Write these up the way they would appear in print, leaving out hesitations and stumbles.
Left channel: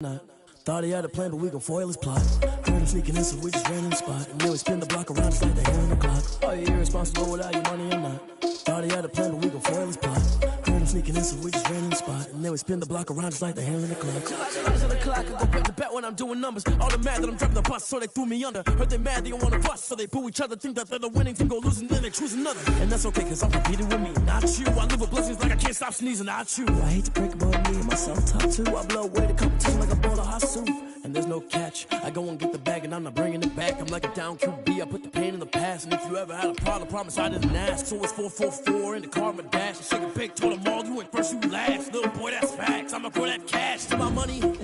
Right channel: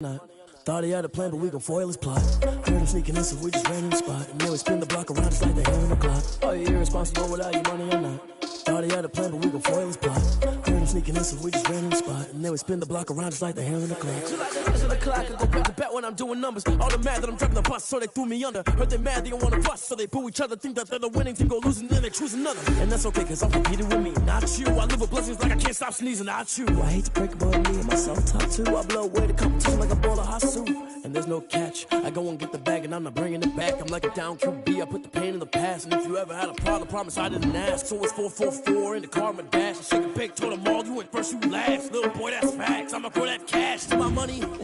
Not. Thought he had a plan, but we gon' foil his plot. Heard him sneaking in, so we just ran in the spot. And then we spin the block around just like the hands on the clock. Are you irresponsible without your money or not? Thought he had a plan, but we gon' foil his plot. Heard him sneaking in, so we just ran in the spot. And then we spin the block around just like the hands on the clock. Just like the hands on the clock, I go back to back when I'm doing numbers. All the mad that I'm driving the bus, so they threw me under. Heard they mad, they don't wanna bust, so they boo each other. Think that they're the winning team, go losing, then they choose another. And that's okay, cause I'm competing with me, not you. I live with blessings like I can't stop sneezing, not you. I hate to break about me and my self-talk too. I blow away the competition like a bowl of hot soup. And there's no catch. I go and get the bag and I'm not bringing it back. I'm like a down QB, I put the pain in the past. And if you ever had a problem, promise I didn't ask. So it's 444 in the car, my dash. I shake a big, told them all, you went first, you last. Little boy, that's facts. I'ma grow that cash to my money. You know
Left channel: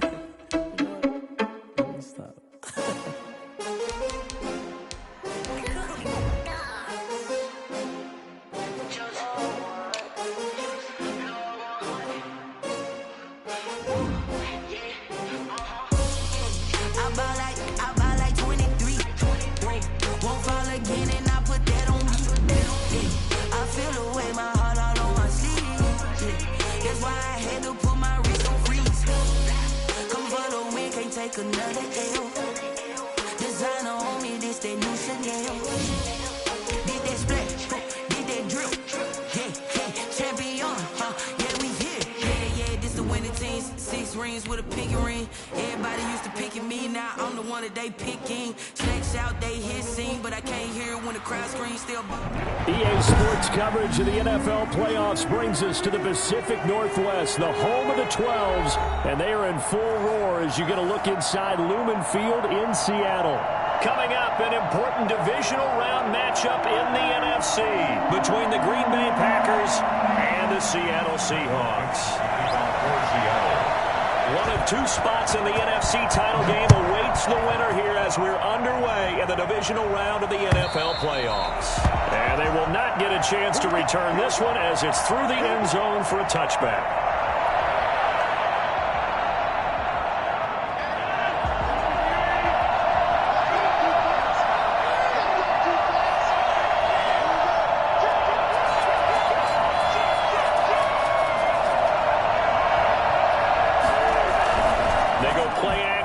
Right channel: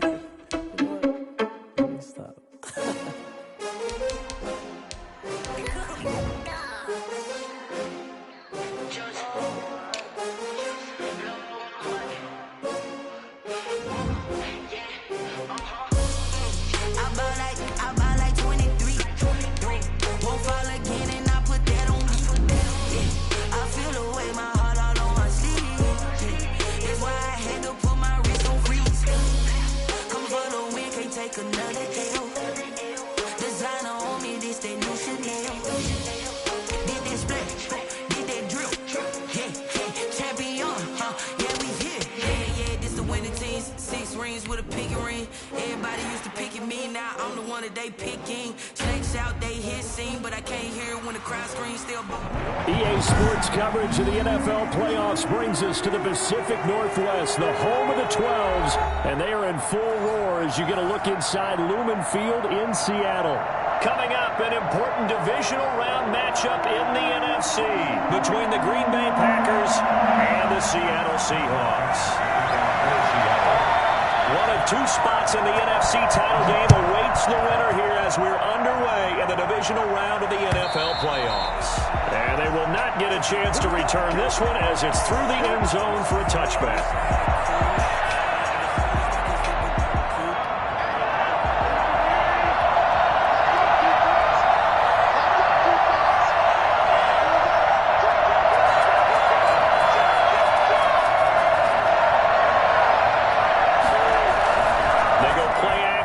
what? Let me stop. Take another L. Designer on me, this that new Chanel. Did that splash, did that drill. Yeah, champion, yeah, we here. Yeah, this the winning teams. 6 rings with a pinky ring. Everybody used to pick at me, now I'm the one that they picking. Snakes out, they hissing, but I can't hear it when the crowd screams still. EA Sports coverage of the NFL playoffs brings us to the Pacific Northwest, the home of the 12s, and they are in full roar as you get a look inside Lumen Field in Seattle. Coming up, an important divisional round matchup in the NFC between the Green Bay Packers and the Seattle Seahawks. One of 2 spots in the NFC title game awaits the winner here as we're underway in the divisional round of the NFL playoffs. And they will not get a chance to return this one as it's through the end zone for a touchback.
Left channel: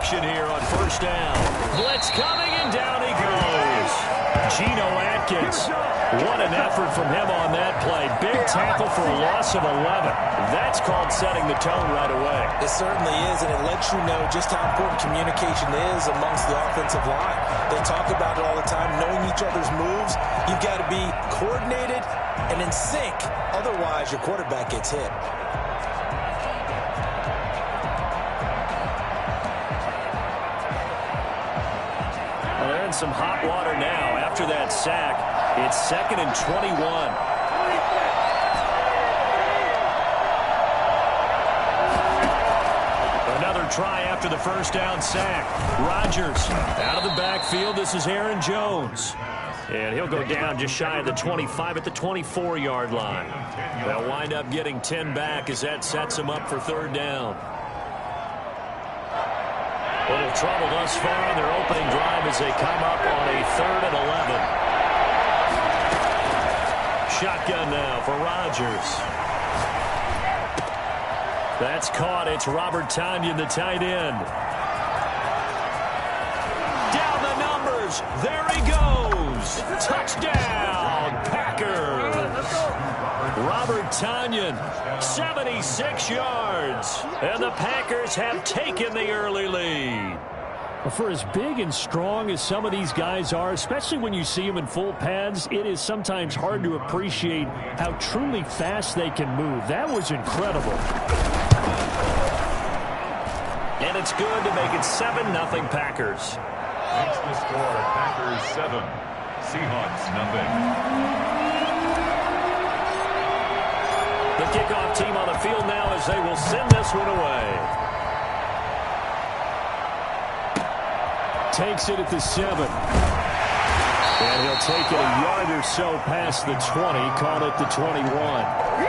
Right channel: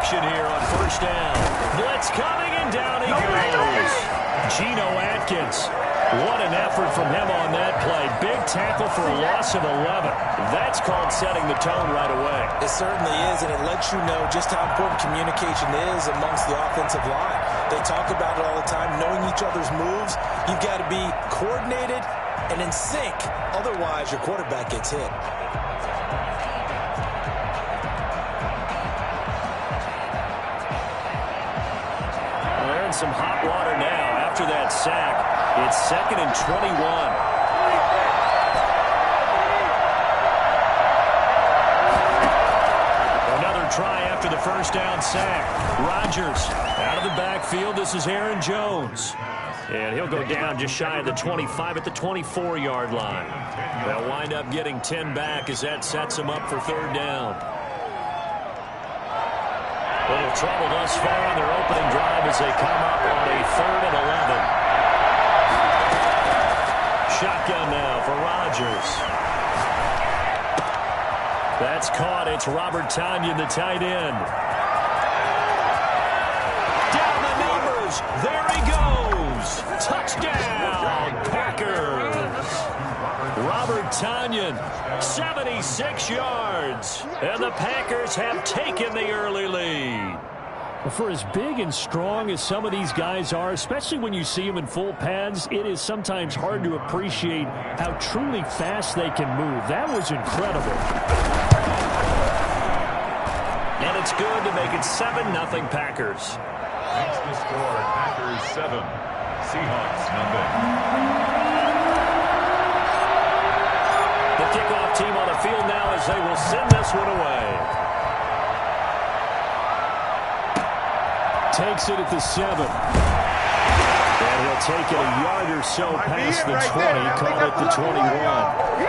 Here on first down. Blitz coming, and down he goes. Geno Atkins. What an effort from him on that play. Big tackle for a loss of 11. That's called setting the tone right away. It certainly is, and it lets you know just how important communication is amongst the offensive line. They talk about it all the time, knowing each other's moves. You've got to be coordinated and in sync. Otherwise, your quarterback gets hit. Some hot water now after that sack. It's 2nd and 21. Another try after the first down sack. Rodgers out of the backfield. This is Aaron Jones. And he'll go down just shy of the 25 at the 24-yard line. They'll wind up getting 10 back as that sets them up for 3rd down. Little trouble thus far on their opening drive as they come up on a 3rd and 11. Shotgun now for Rodgers. That's caught. It's Robert Tonyan, the tight end. Down the numbers. There he goes. Touchdown, Packers. Robert Tonyan, 76 yards. And the Packers have taken the early lead. For as big and strong as some of these guys are, especially when you see them in full pads, it is sometimes hard to appreciate how truly fast they can move. That was incredible. And it's good to make it 7-0 Packers. Makes the score Packers 7, Seahawks nothing. The kickoff team on the field now as they will send this one away. Takes it at the 7. And he'll take it a yard or so past the 20. Called it the 21.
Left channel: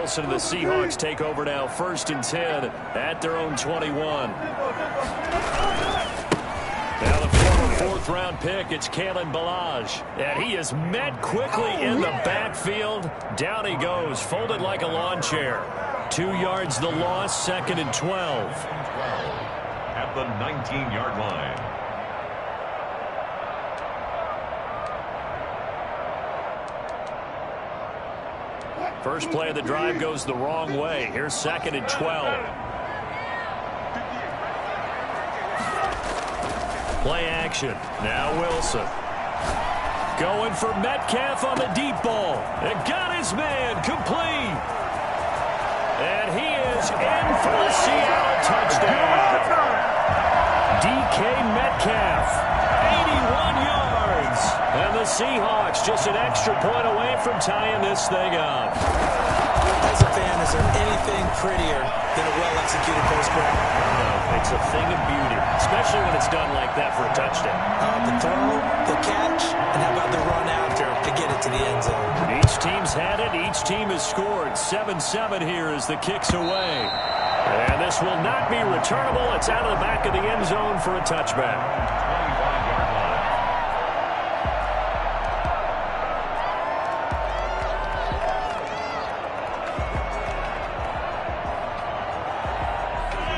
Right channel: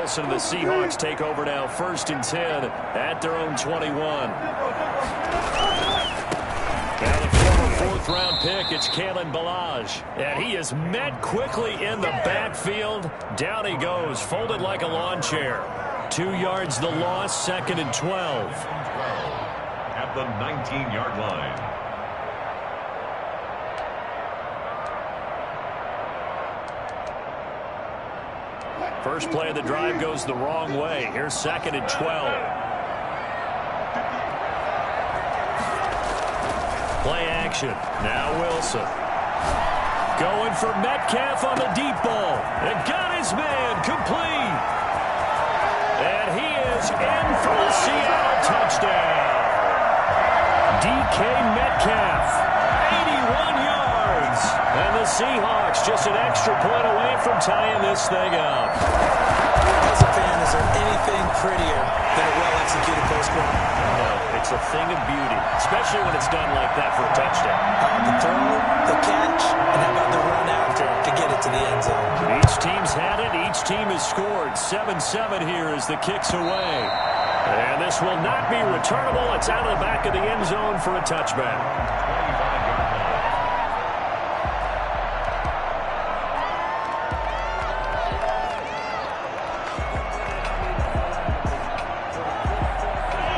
Wilson and the Seahawks take over now, 1st and 10 at their own 21. Now the former 4th-round pick, it's Kalen Ballage. And he is met quickly in the backfield. Down he goes, folded like a lawn chair. 2 yards the loss, 2nd and 12. At the 19-yard line. First play of the drive goes the wrong way. Here's 2nd and 12. Play action. Now Wilson. Going for Metcalf on the deep ball. And got his man complete. And he is in for the Seattle touchdown. DK Metcalf, 81 yards. And the Seahawks just an extra point away from tying this thing up. As a fan, is there anything prettier than a well-executed post-grab? No, it's a thing of beauty, especially when it's done like that for a touchdown. The throw, the catch, and how about the run after to get it to the end zone? Each team's had it. Each team has scored. 7-7 here as the kick's away. And this will not be returnable. It's out of the back of the end zone for a touchback. 25-yard line.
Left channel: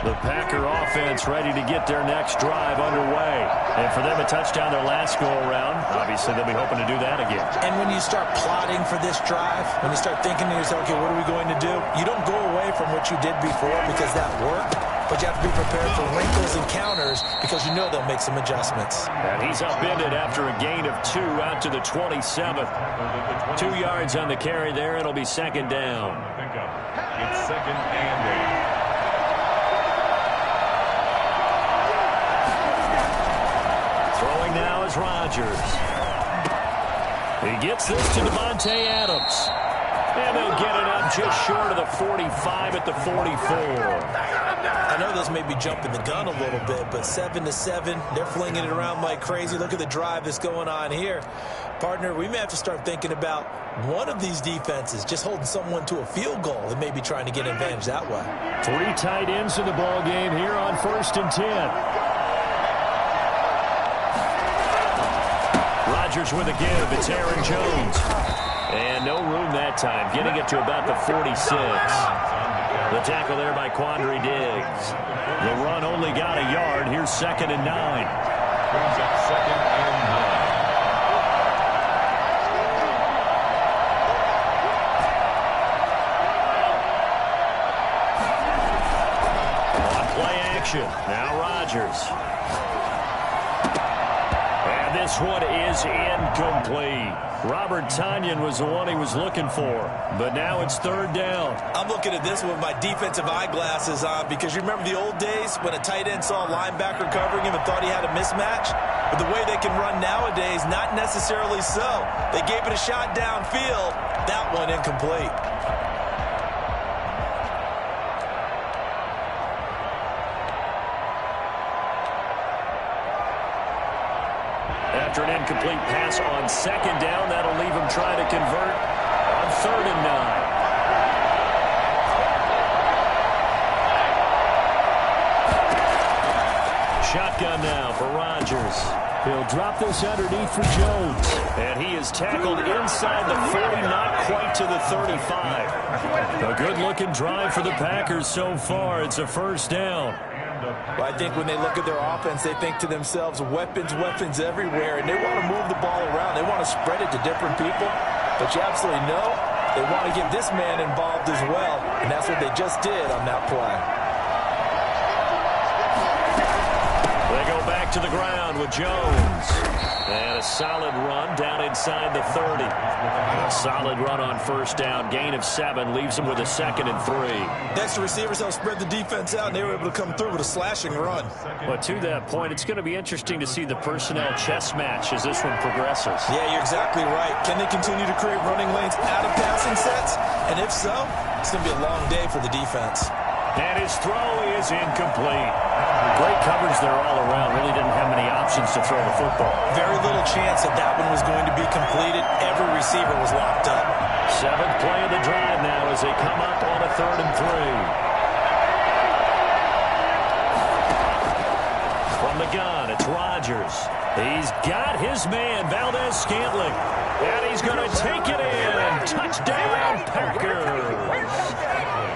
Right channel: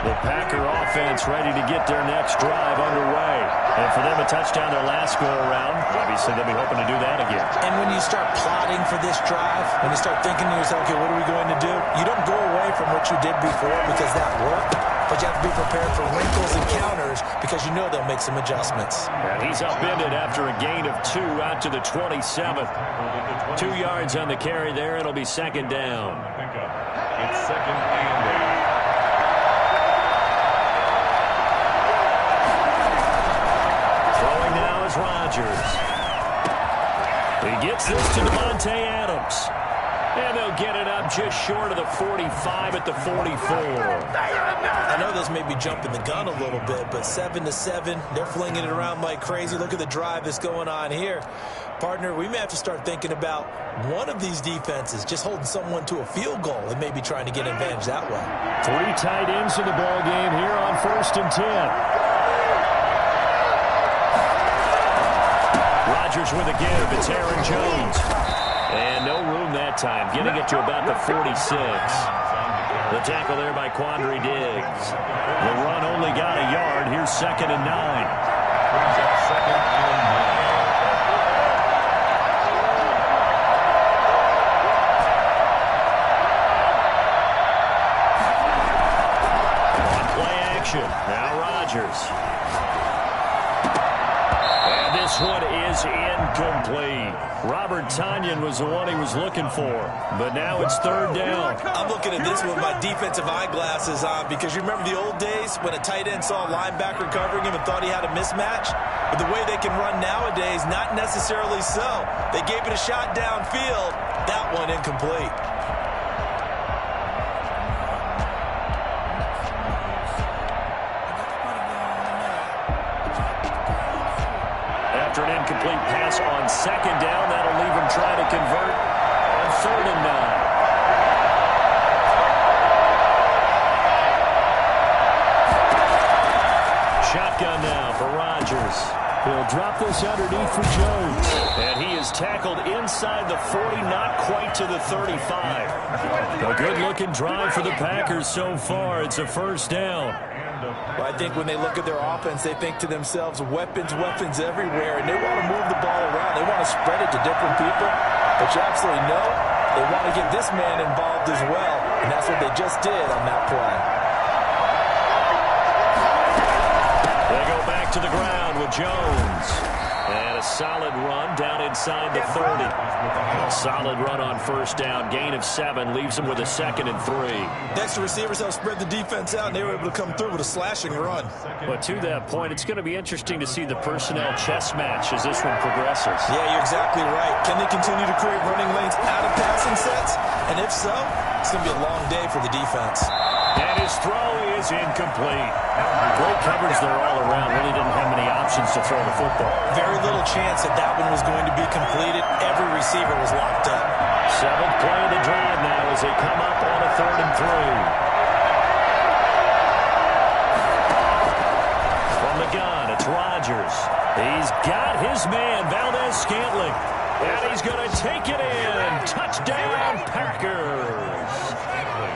The Packer offense ready to get their next drive underway. And for them, a touchdown their last go-around. Obviously, they'll be hoping to do that again. And when you start plotting for this drive, when you start thinking to yourself, okay, what are we going to do? You don't go away from what you did before because that worked. But you have to be prepared for wrinkles and counters because you know they'll make some adjustments. And he's upended after a gain of 2 out to the 27th. 2 yards on the carry there. It'll be 2nd down. It's 2nd and 8. Throwing now is Rodgers. He gets this to Devontae Adams. And they'll get it up just short of the 45 at the 44. I know this may be jumping the gun a little bit, but 7-7, they're flinging it around like crazy. Look at the drive that's going on here. Partner, we may have to start thinking about one of these defenses just holding someone to a field goal and maybe trying to get advantage that way. 3 tight ends in the ball game here on 1st and 10. Rodgers with a give. It's Aaron Jones. And no room that time. Getting it to about the 46. The tackle there by Quandre Diggs. The run only got a yard. Here's 2nd and 9. Brings up 2nd and 9. On play action. Now Rodgers. And this one is incomplete. Robert Tonyan was the one he was looking for, but now it's 3rd down. I'm looking at this with my defensive eyeglasses on because you remember the old days when a tight end saw a linebacker covering him and thought he had a mismatch? But the way they can run nowadays, not necessarily so. They gave it a shot downfield. That one incomplete. After an incomplete pass on 2nd down, that'll leave him trying to convert on 3rd and 9. Shotgun now for Rodgers. He'll drop this underneath for Jones. And he is tackled inside the 40, not quite to the 35. A good-looking drive for the Packers so far. It's a 1st down. Well, I think when they look at their offense, they think to themselves, weapons, weapons everywhere, and they want to move the ball around. They want to spread it to different people, but you absolutely know they want to get this man involved as well, and that's what they just did on that play. They go back to the ground with Jones. And a solid run down inside the 30. A solid run on 1st down. Gain of 7 leaves them with a 2nd and 3. Next, the receivers helped spread the defense out, and they were able to come through with a slashing run. But to that point, it's going to be interesting to see the personnel chess match as this one progresses. Yeah, you're exactly right. Can they continue to create running lanes out of passing sets? And if so, it's going to be a long day for the defense. And his throw is incomplete. Great coverage there all around. Really didn't have many options to throw the football. Very little chance that that one was going to be completed. Every receiver was locked up. Seventh play of the drive now as they come up on a 3rd and 3. From the gun, it's Rodgers. He's got his man, Valdez-Scantling. And he's going to take it in. Touchdown, Packers.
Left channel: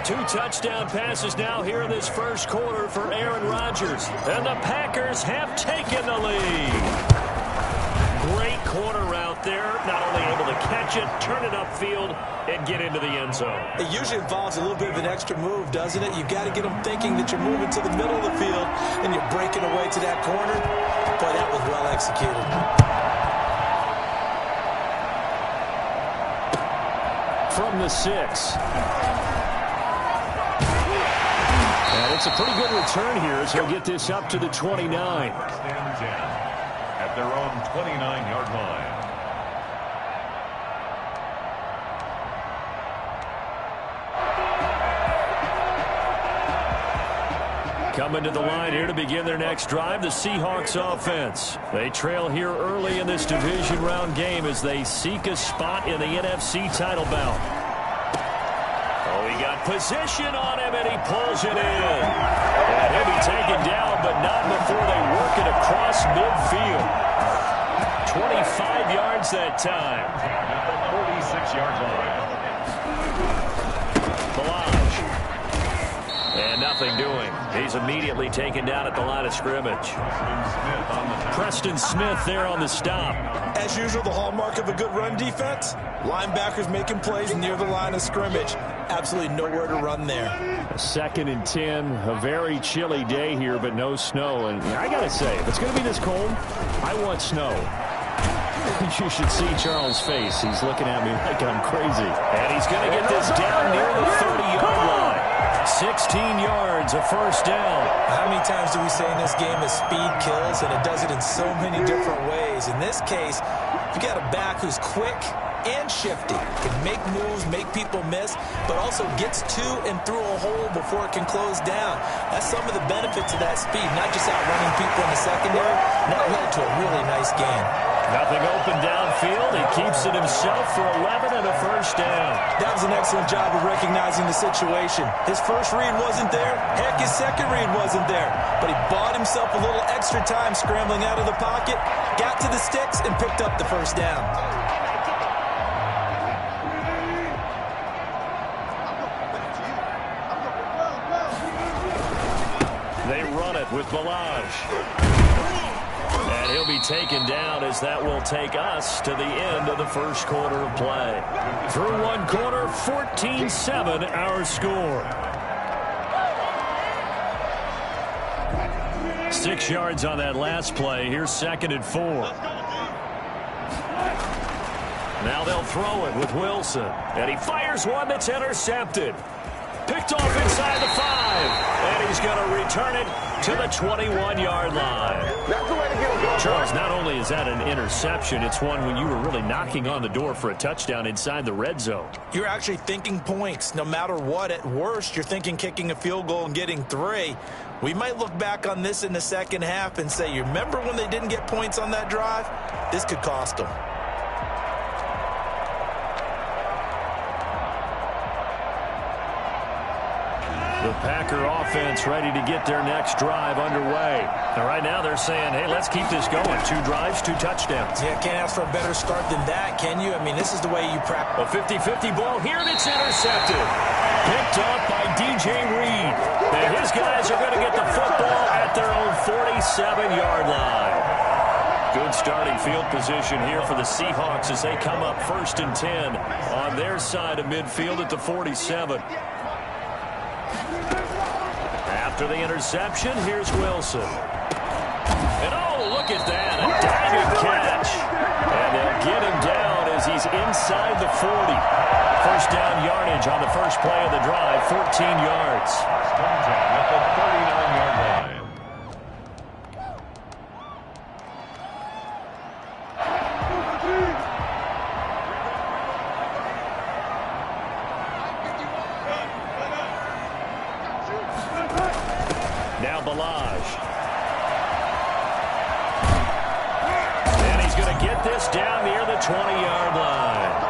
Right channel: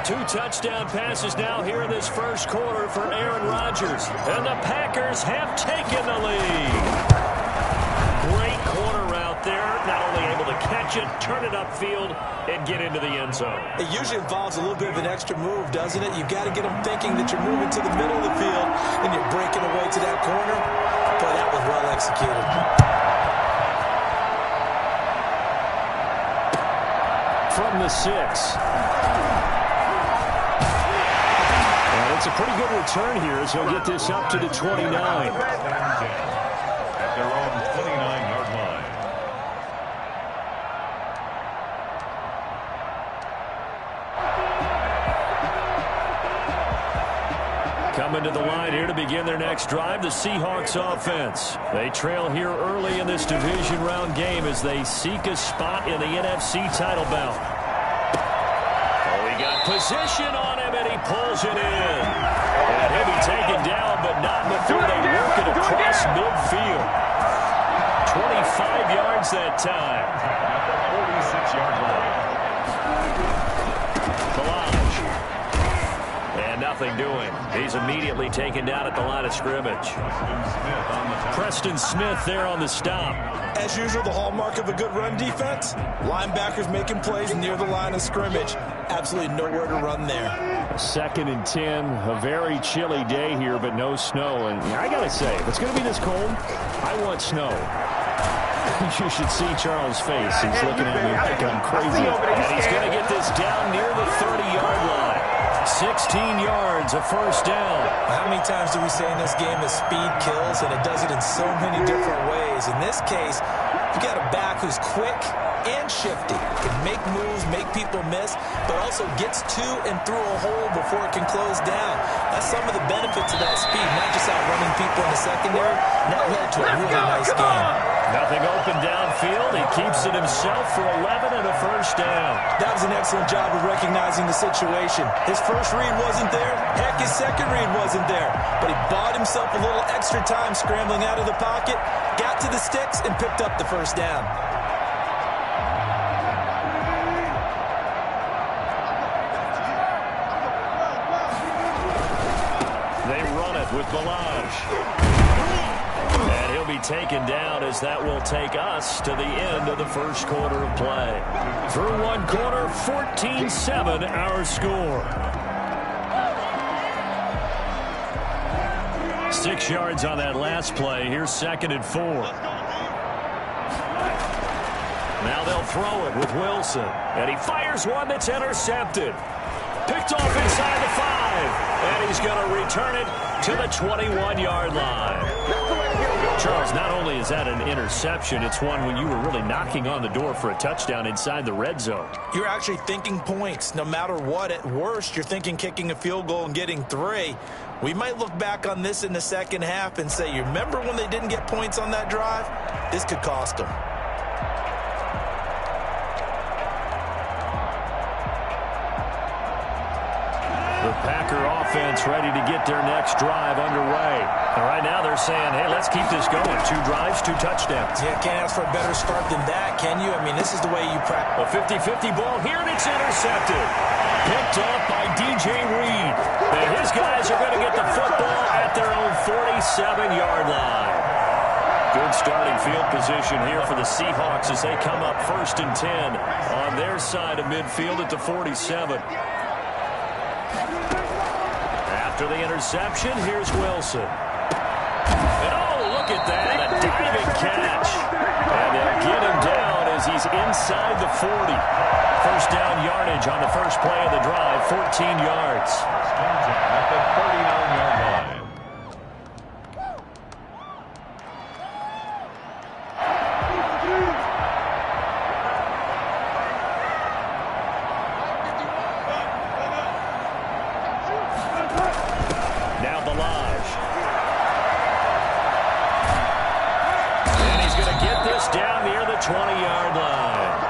2 touchdown passes now here in this first quarter for Aaron Rodgers. And the Packers have taken the lead. Great corner route there. Not only able to catch it, turn it upfield, and get into the end zone. It usually involves a little bit of an extra move, doesn't it? You've got to get them thinking that you're moving to the middle of the field and you're breaking away to that corner. Boy, that was well executed. From the 6. And it's a pretty good return here as he'll get this up to the 29. At their own 29-yard line. Coming to the line here to begin their next drive, the Seahawks offense. They trail here early in this division round game as they seek a spot in the NFC title bout. Oh, he got position on him, and he pulls it in. And he'll be taken down, but not before they work it across midfield. 25 yards that time. At the 46-yard line. Balaj. And nothing doing. He's immediately taken down at the line of scrimmage. Preston Smith there on the stop. As usual, the hallmark of a good run defense, linebackers making plays near the line of scrimmage. Absolutely nowhere to run there. 2nd and 10, a very chilly day here, but no snow. And I got to say, if it's going to be this cold, I want snow. You should see Charles' face. He's looking at me like I'm crazy. And he's going to get this down near the 30-yard line. 16 yards, a first down. How many times do we say in this game that speed kills, and it does it in so many different ways? In this case, you got a back who's quick and shifty, can make moves, make people miss, but also gets to and through a hole before it can close down. That's some of the benefits of that speed, not just outrunning people in the secondary. That led to a really nice game. Nothing open downfield. He keeps it himself for 11 and a first down. That was an excellent job of recognizing the situation. His first read wasn't there. Heck, his second read wasn't there. But he bought himself a little extra time scrambling out of the pocket, got to the sticks, and picked up the first down. They run it with Balaj. And he'll be taken down as that will take us to the end of the first quarter of play. Through one quarter, 14-7 our score. 6 yards on that last play. Here's 2nd and 4. Now they'll throw it with Wilson. And he fires one that's intercepted. Picked off inside the 5. And he's going to return it to the 21-yard line. Charles, not only is that an interception, it's one when you were really knocking on the door for a touchdown inside the red zone. You're actually thinking points. No matter what, at worst, you're thinking kicking a field goal and getting 3. We might look back on this in the second half and say, you remember when they didn't get points on that drive? This could cost them. The Packer offense ready to get their next drive underway. And right now they're saying, hey, let's keep this going. 2 drives, 2 touchdowns. Yeah, can't ask for a better start than that, can you? I mean, this is the way you practice. A 50-50 ball here, and it's intercepted. Picked off by DJ Reed. And his guys are going to get the football at their own 47-yard line. Good starting field position here for the Seahawks as they come up 1st and 10 on their side of midfield at the 47. After the interception, here's Wilson. And oh, look at that, a diving catch. And they'll get him down as he's inside the 40. First down yardage on the first play of the drive, 14 yards. At the 39-yard line. Now Balaj. And he's going to get this down near the 20-yard line.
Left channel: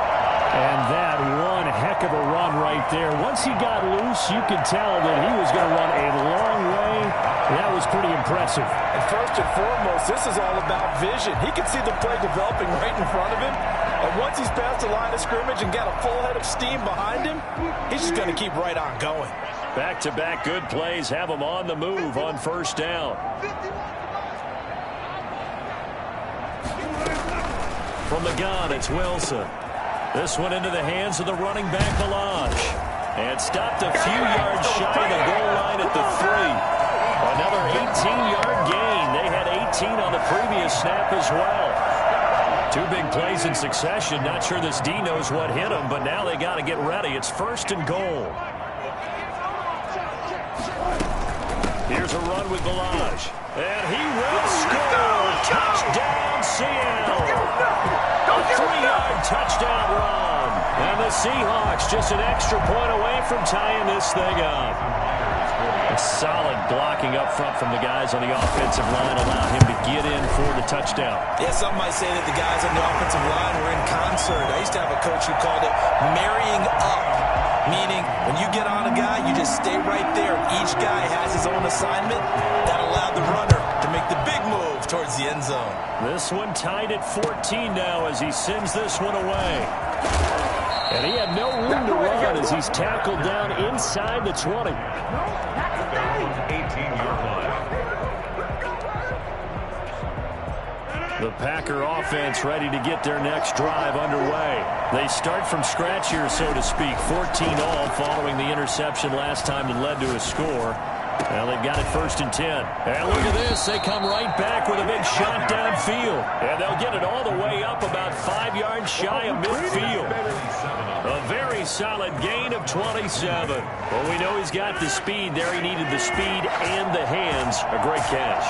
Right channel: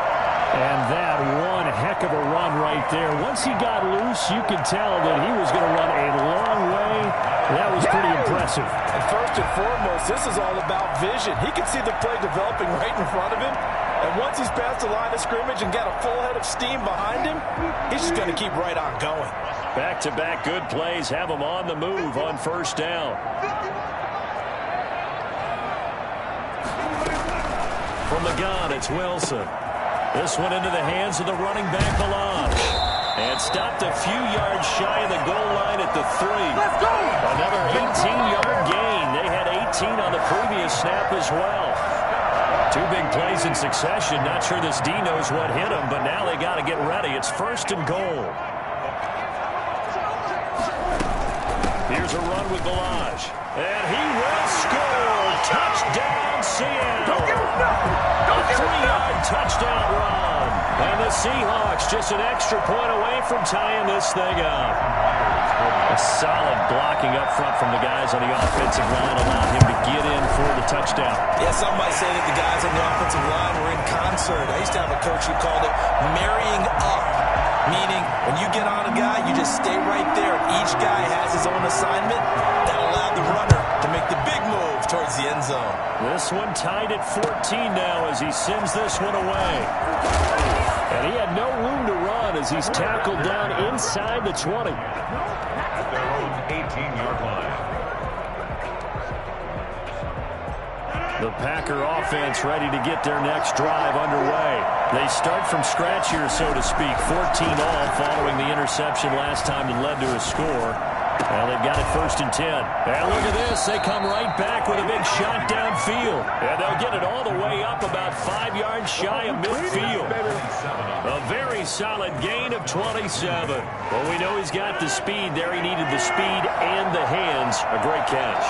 And that one heck of a run right there. Once he got loose, you could tell that he was going to run a long way. That was pretty impressive. And first and foremost, this is all about vision. He can see the play developing right in front of him. And once he's past the line of scrimmage and got a full head of steam behind him, he's just going to keep right on going. Back-to-back good plays have him on the move on first down. From the gun, it's Wilson. This one into the hands of the running back, Ballage. And stopped a few yards shy of the goal line at the 3. Another 18-yard gain. They had 18 on the previous snap as well. 2 big plays in succession. Not sure this D knows what hit him, but now they got to get ready. It's first and goal. Here's a run with Ballage. And he will score. Touchdown, Seattle. A 3-yard touchdown run. And the Seahawks just an extra point away from tying this thing up. A solid blocking up front from the guys on the offensive line allowed him to get in for the touchdown. Yeah, some might say that the guys on the offensive line were in concert. I used to have a coach who called it marrying up. Meaning, when you get on a guy, you just stay right there. Each guy has his own assignment. That allowed the runner to make the big move towards the end zone. This one tied at 14 now as he sends this one away. And he had no room to run as he's tackled down inside the 20. Their own 18-yard line. The Packer offense ready to get their next drive underway. They start from scratch here, so to speak. 14 all following the interception last time that led to a score. Well, they've got it first and 10. And look at this. They come right back with a big shot downfield. And they'll get it all the way up about 5 yards shy of midfield. A very solid gain of 27. Well, we know he's got the speed there. He needed the speed and the hands. A great catch.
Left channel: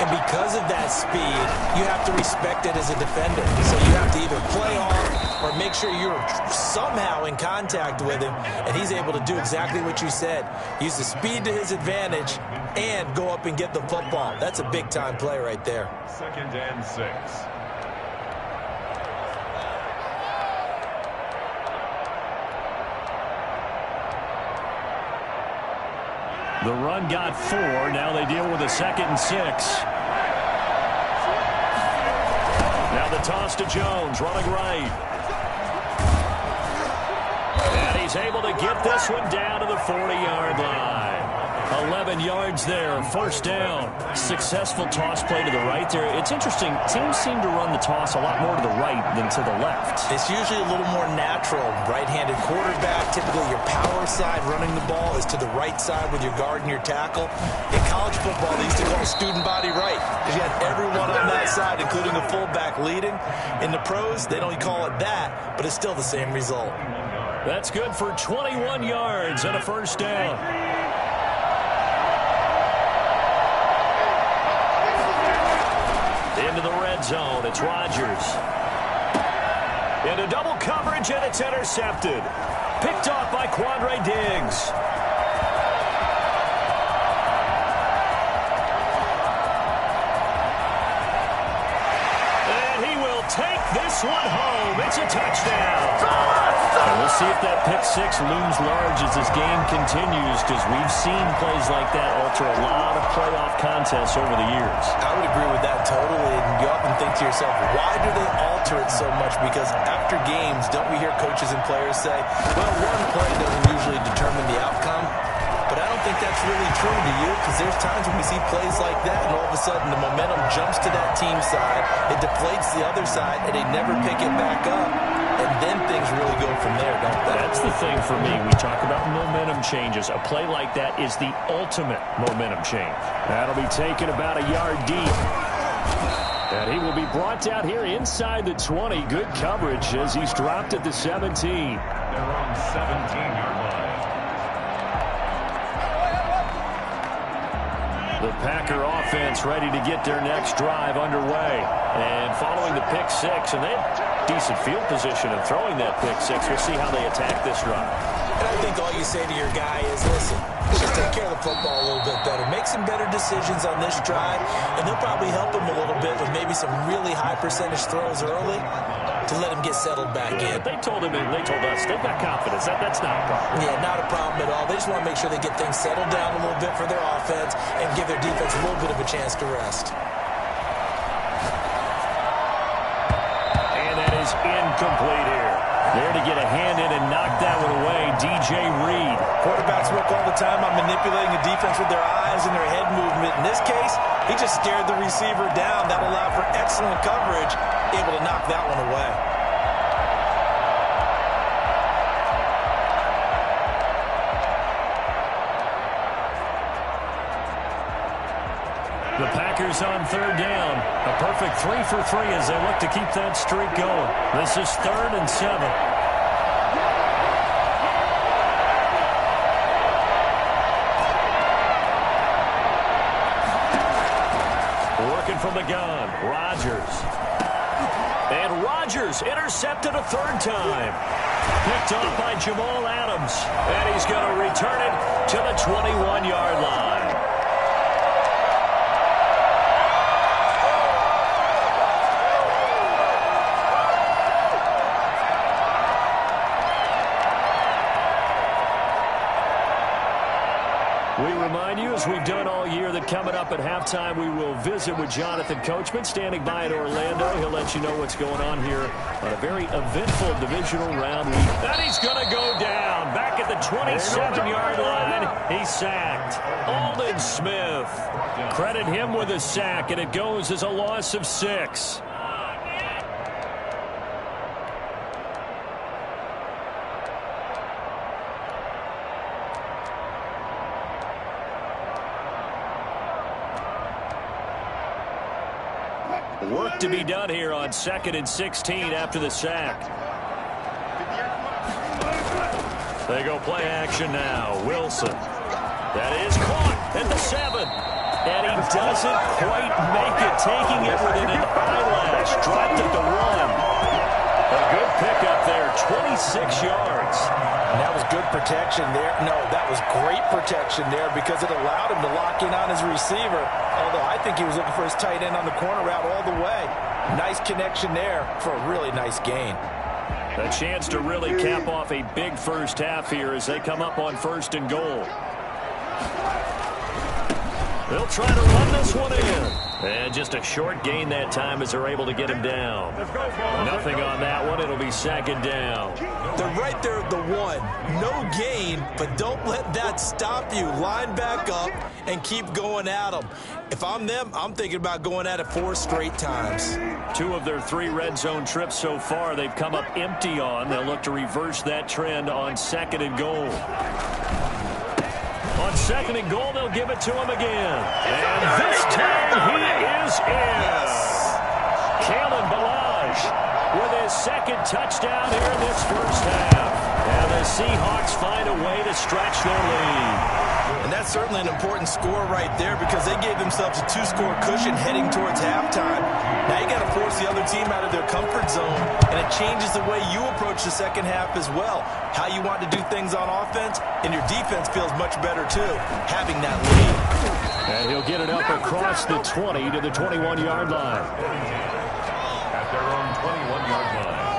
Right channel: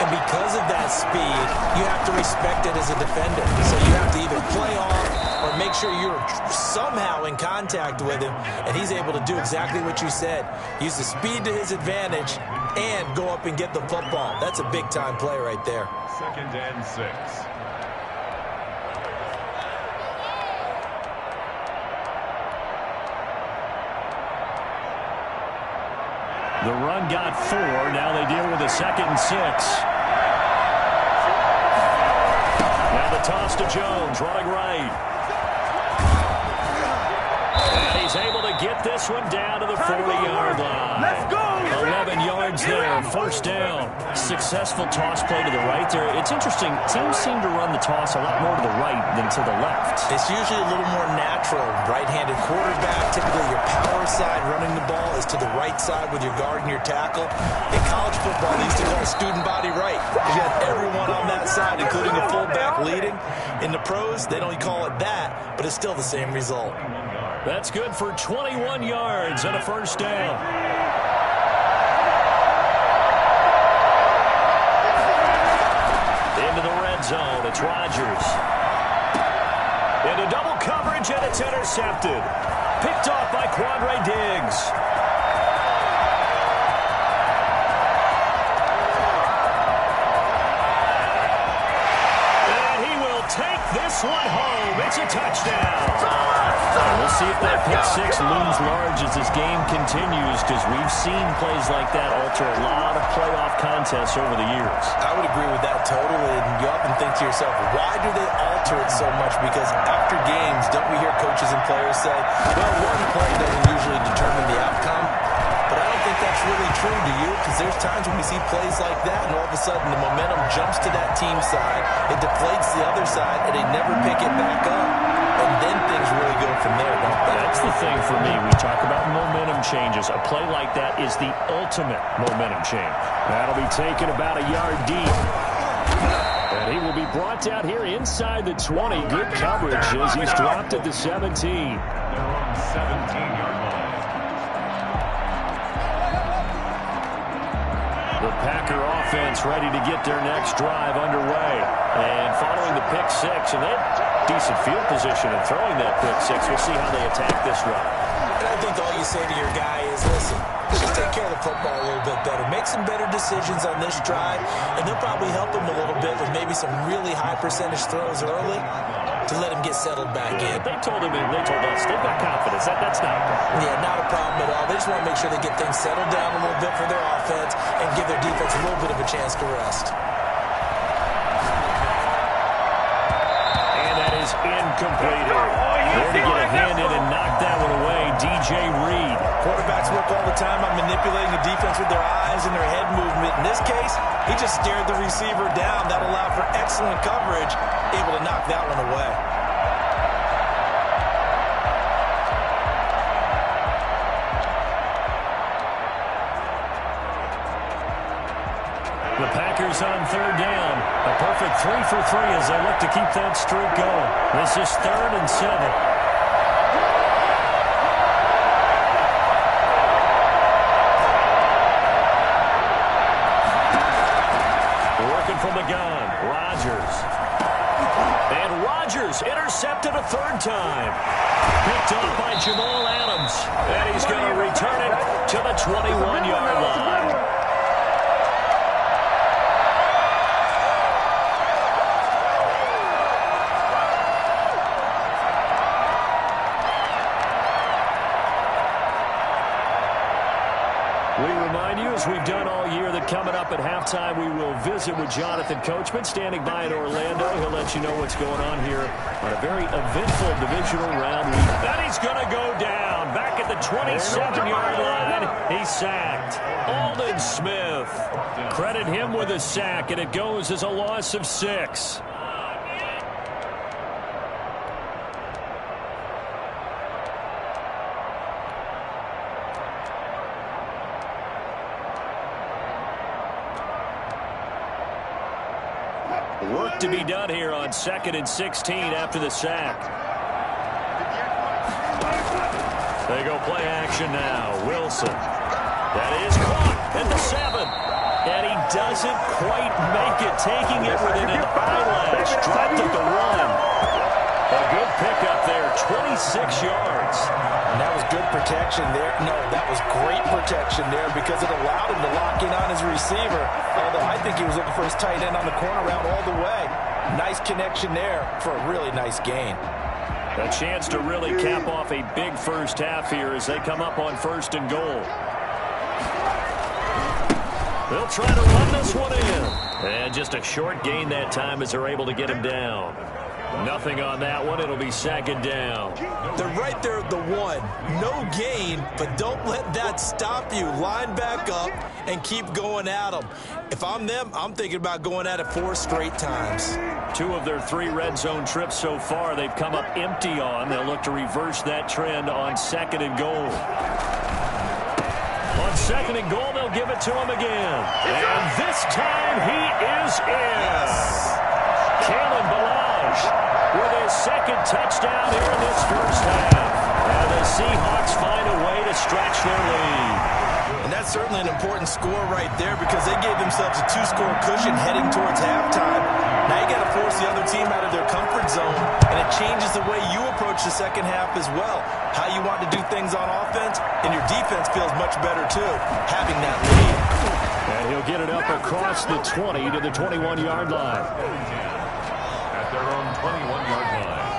And because of that speed, you have to respect it as a defender. So you have to either play off or make sure you're somehow in contact with him. And he's able to do exactly what you said. Use the speed to his advantage and go up and get the football. That's a big-time play right there. 2nd and 6. The run got 4. Now they deal with a 2nd and 6. Now the toss to Jones, running right. And he's able to get this one down to the 40-yard line. 11 yards there, first down. Successful toss play to the right there. It's interesting. Teams seem to run the toss a lot more to the right than to the left. It's usually a little more natural. Right-handed quarterback, typically your power side running the ball is to the right side with your guard and your tackle. In college football, they used to call student body right because you had everyone on that side, including a fullback leading. In the pros, they don't call it that, but it's still the same result. That's good for 21 yards and a first down. Into the red zone, it's Rodgers. Into double coverage, and it's intercepted. Picked off by Quandre Diggs. And he will take this one home. It's a touchdown. And we'll see if that pick 6 looms large as this game continues, because we've seen plays like that alter a lot of playoff contests over the years. I would agree with that totally. And you often think to yourself, why do they alter it so much? Because after games, don't we hear coaches and players say, well, one play doesn't usually determine the outcome? But I don't think that's really true, do you? Because there's times when we see plays like that, and all of a sudden the momentum jumps to that team side, it deflates the other side, and they never pick it back up. And then things really go from there, don't they? That's the thing for me. We talk about momentum changes. A play like that is the ultimate momentum change. That'll be taken about a yard deep. And he will be brought down here inside the 20. Good coverage as he's dropped at the 17. They're on 17-yard line. The Packer offense ready to get their next drive underway. And following the pick 6, and they had decent field position in throwing that pick 6. We'll see how they attack this drive. And I think all you say to your guy is, listen, just take care of the football a little bit better. Make some better decisions on this drive, and they'll probably help him a little bit with maybe some really high percentage throws early to let him get settled back in. They told him, and they told us, they've got confidence. That's not a problem. Yeah, not a problem at all. They just want to make sure they get things settled down a little bit for their offense and give their defense a little bit of a chance to rest. And that is incomplete here. There to get a hand in and knock that one away, DJ Reed. Quarterbacks work all the time on manipulating the defense with their eyes and their head movement. In this case, he just stared the receiver down. That allowed for excellent coverage, able to knock that one away. The Packers on third down. A perfect 3 for 3 as they look to keep that streak going. This is 3rd and 7. Working from the gun, Rodgers. And Rodgers intercepted a third time. Picked off by Jamal Adams. And he's going to return it to the 21-yard line. We remind you, as we've done all year, that coming up at halftime, we will visit with Jonathan Coachman, standing by in Orlando. He'll let you know what's going on here on a very eventful divisional round week. And he's going to go down. Back at the 27-yard line, he's sacked. Aldon Smith. Credit him with a sack, and it goes as a loss of 6. Work to be done here on 2nd and 16 after the sack. They go play action now. Wilson. That is caught at the 7. And he doesn't quite make it, taking it within an eyelash. Dropped at the 1. A good pickup there, 26 yards. And that was good protection there. No, that was great protection there because it allowed him to lock in on his receiver. Although I think he was looking for his tight end on the corner route all the way. Nice connection there for a really nice gain. A chance to really cap off a big first half here as they come up on 1st and goal. They'll try to run this one in. And just a short gain that time as they're able to get him down. Nothing on that one. It'll be 2nd down. They're right there at the 1. No gain, but don't let that stop you. Line back up and keep going at them. If I'm them, I'm thinking about going at it 4 straight times. 2 of their 3 red zone trips so far they've come up empty on. They'll look to reverse that trend on 2nd and goal. On 2nd and goal, they'll give it to him again. And this time he is in. Yes. Kalen Ballage with his 2nd touchdown here in this first half. And the Seahawks find a way to stretch their lead. And that's certainly an important score right there because they gave themselves a 2-score cushion heading towards halftime. Now you got to force the other team out of their comfort zone, and it changes the way you approach the second half as well. How you want to do things on offense, and your defense feels much better too, having that lead. And he'll get it up across the 20 to the 21-yard line. At their own 21-yard line.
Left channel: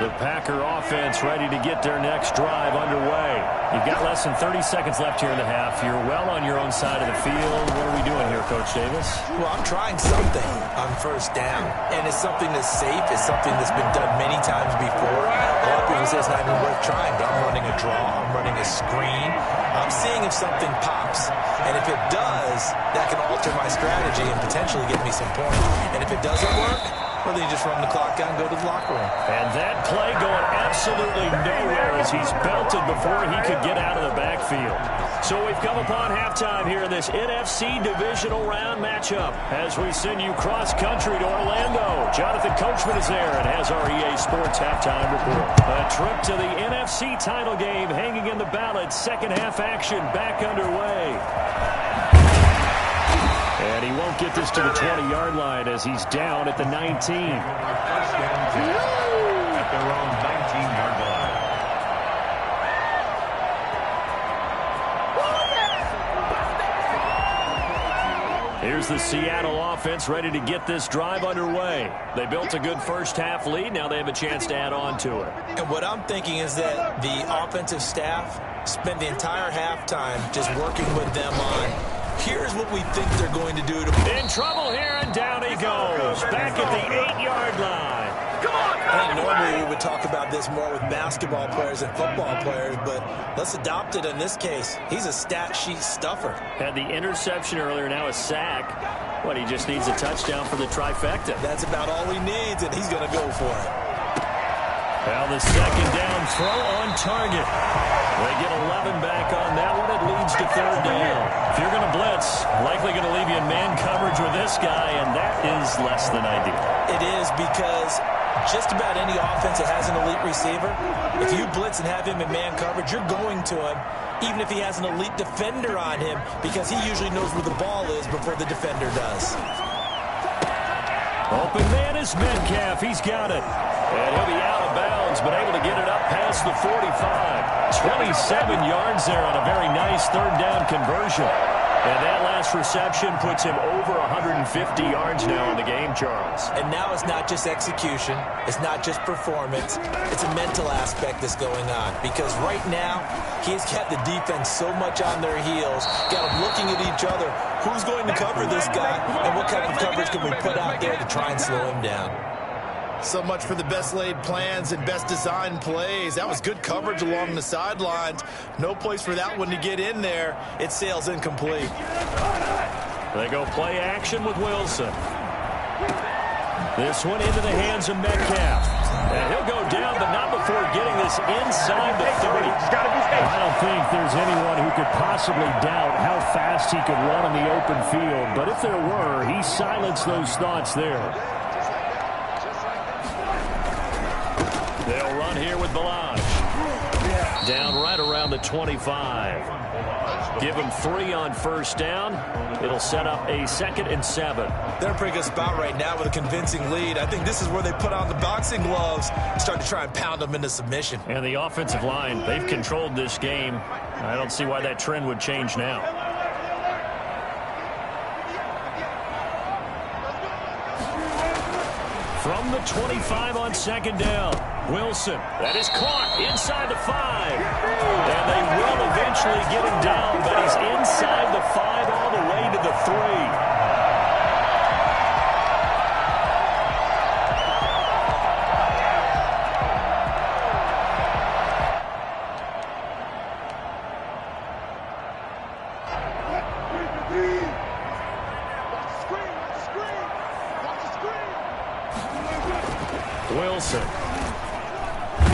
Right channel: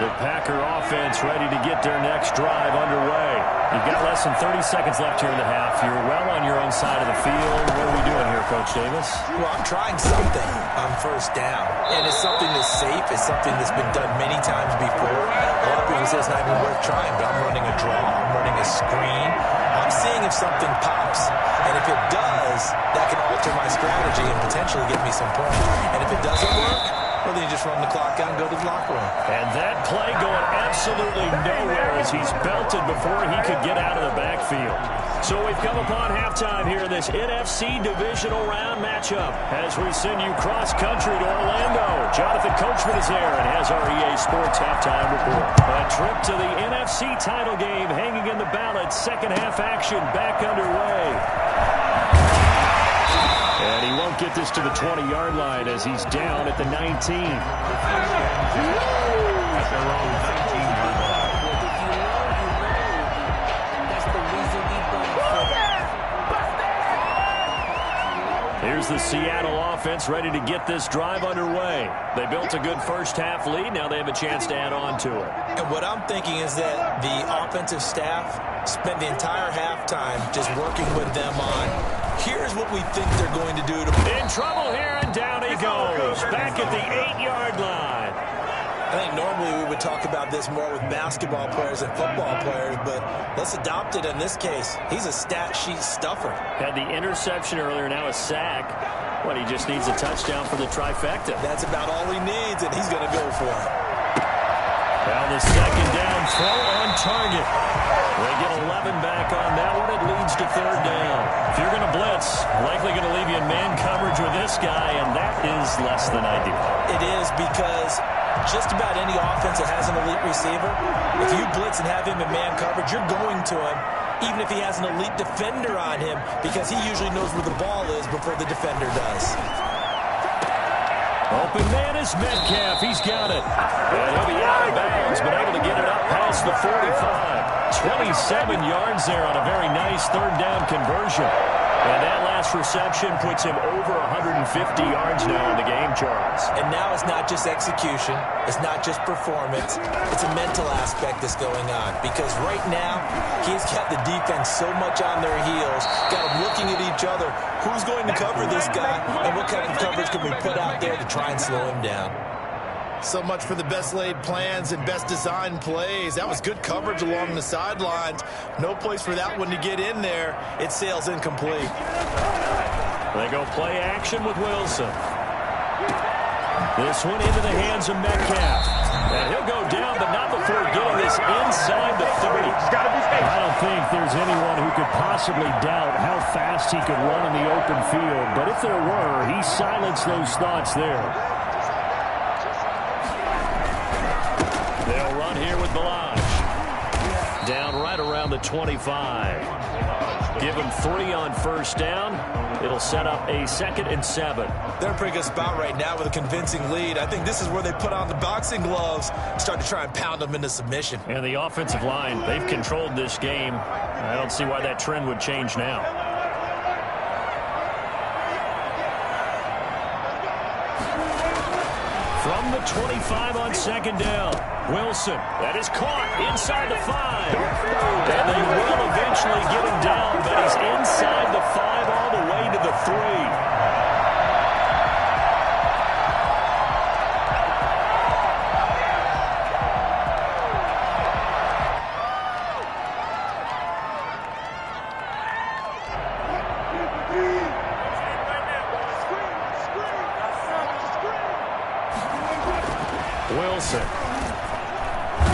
The Packer offense ready to get their next drive underway. You've got less than 30 seconds left here in the half. You're well on your own side of the field. What are we doing here, Coach Davis? Well, I'm trying something on 1st down. And it's something that's safe. It's something that's been done many times before. A lot of people say it's not even worth trying, but I'm running a draw. I'm running a screen. I'm seeing if something pops. And if it does, that can alter my strategy and potentially get me some points. And if it doesn't work, well, then you just run the clock out and go to the locker room. And that play going absolutely nowhere as he's belted before he could get out of the backfield. So we've come upon halftime here in this NFC divisional round matchup as we send you cross-country to Orlando. Jonathan Coachman is there and has our EA Sports halftime report. A trip to the NFC title game hanging in the balance. Second half action back underway. And he won't get this to the 20-yard line as he's down at the 19. At their own 19-yard line. Here's the Seattle offense ready to get this drive underway. They built a good first-half lead. Now they have a chance to add on to it. And what I'm thinking is that the offensive staff spent the entire halftime just working with them on, here's what we think they're going to do. In trouble here, and down he goes. Back at the 8-yard line. I think normally we would talk about this more with basketball players and football players, but let's adopt it in this case. He's a stat sheet stuffer. Had the interception earlier, now a sack. What, he just needs a touchdown for the trifecta. That's about all he needs, and he's going to go for it. Well, the second down throw on target. They get 11 back on that one. It leads to third down. If you're going to blitz, likely going to leave you in man coverage with this guy, and that is less than ideal. It is, because just about any offense that has an elite receiver, if you blitz and have him in man coverage, you're going to him, even if he has an elite defender on him, because he usually knows where the ball is before the defender does. Open man is Metcalf. He's got it. And he'll be out of bounds, but able to get it up past the 45. 27 yards there on a very nice third down conversion. And that last reception puts him over 150 yards now in the game, Charles. And now it's not just execution. It's not just performance. It's a mental aspect that's going on. Because right now, he's got the defense so much on their heels, got them looking at each other. Who's going to cover this guy? And what type of coverage can we put out there to try and slow him down? So much for the best laid plans and best designed plays. That was good coverage along the sidelines. No place for that one to get in there. It sails incomplete. They go play action with Wilson. This one into the hands of Metcalf. And he'll go down, but not before getting this inside the 30. I don't think there's anyone who could possibly doubt how fast he could run on the open field. But if there were, he silenced those thoughts there. They'll run here with Balaj. Down right around the 25. Give him 3 on first down. It'll set up a 2nd and 7. They're in a pretty good spot right now with a convincing lead. I think this is where they put on the boxing gloves and start to try and pound them into submission. And the offensive line, they've controlled this game. I don't see why that trend would change now. From the 25 on 2nd down. Wilson, that is caught inside the 5. And they will eventually get him down, but he's inside the 5 all the way to the 3. Wilson.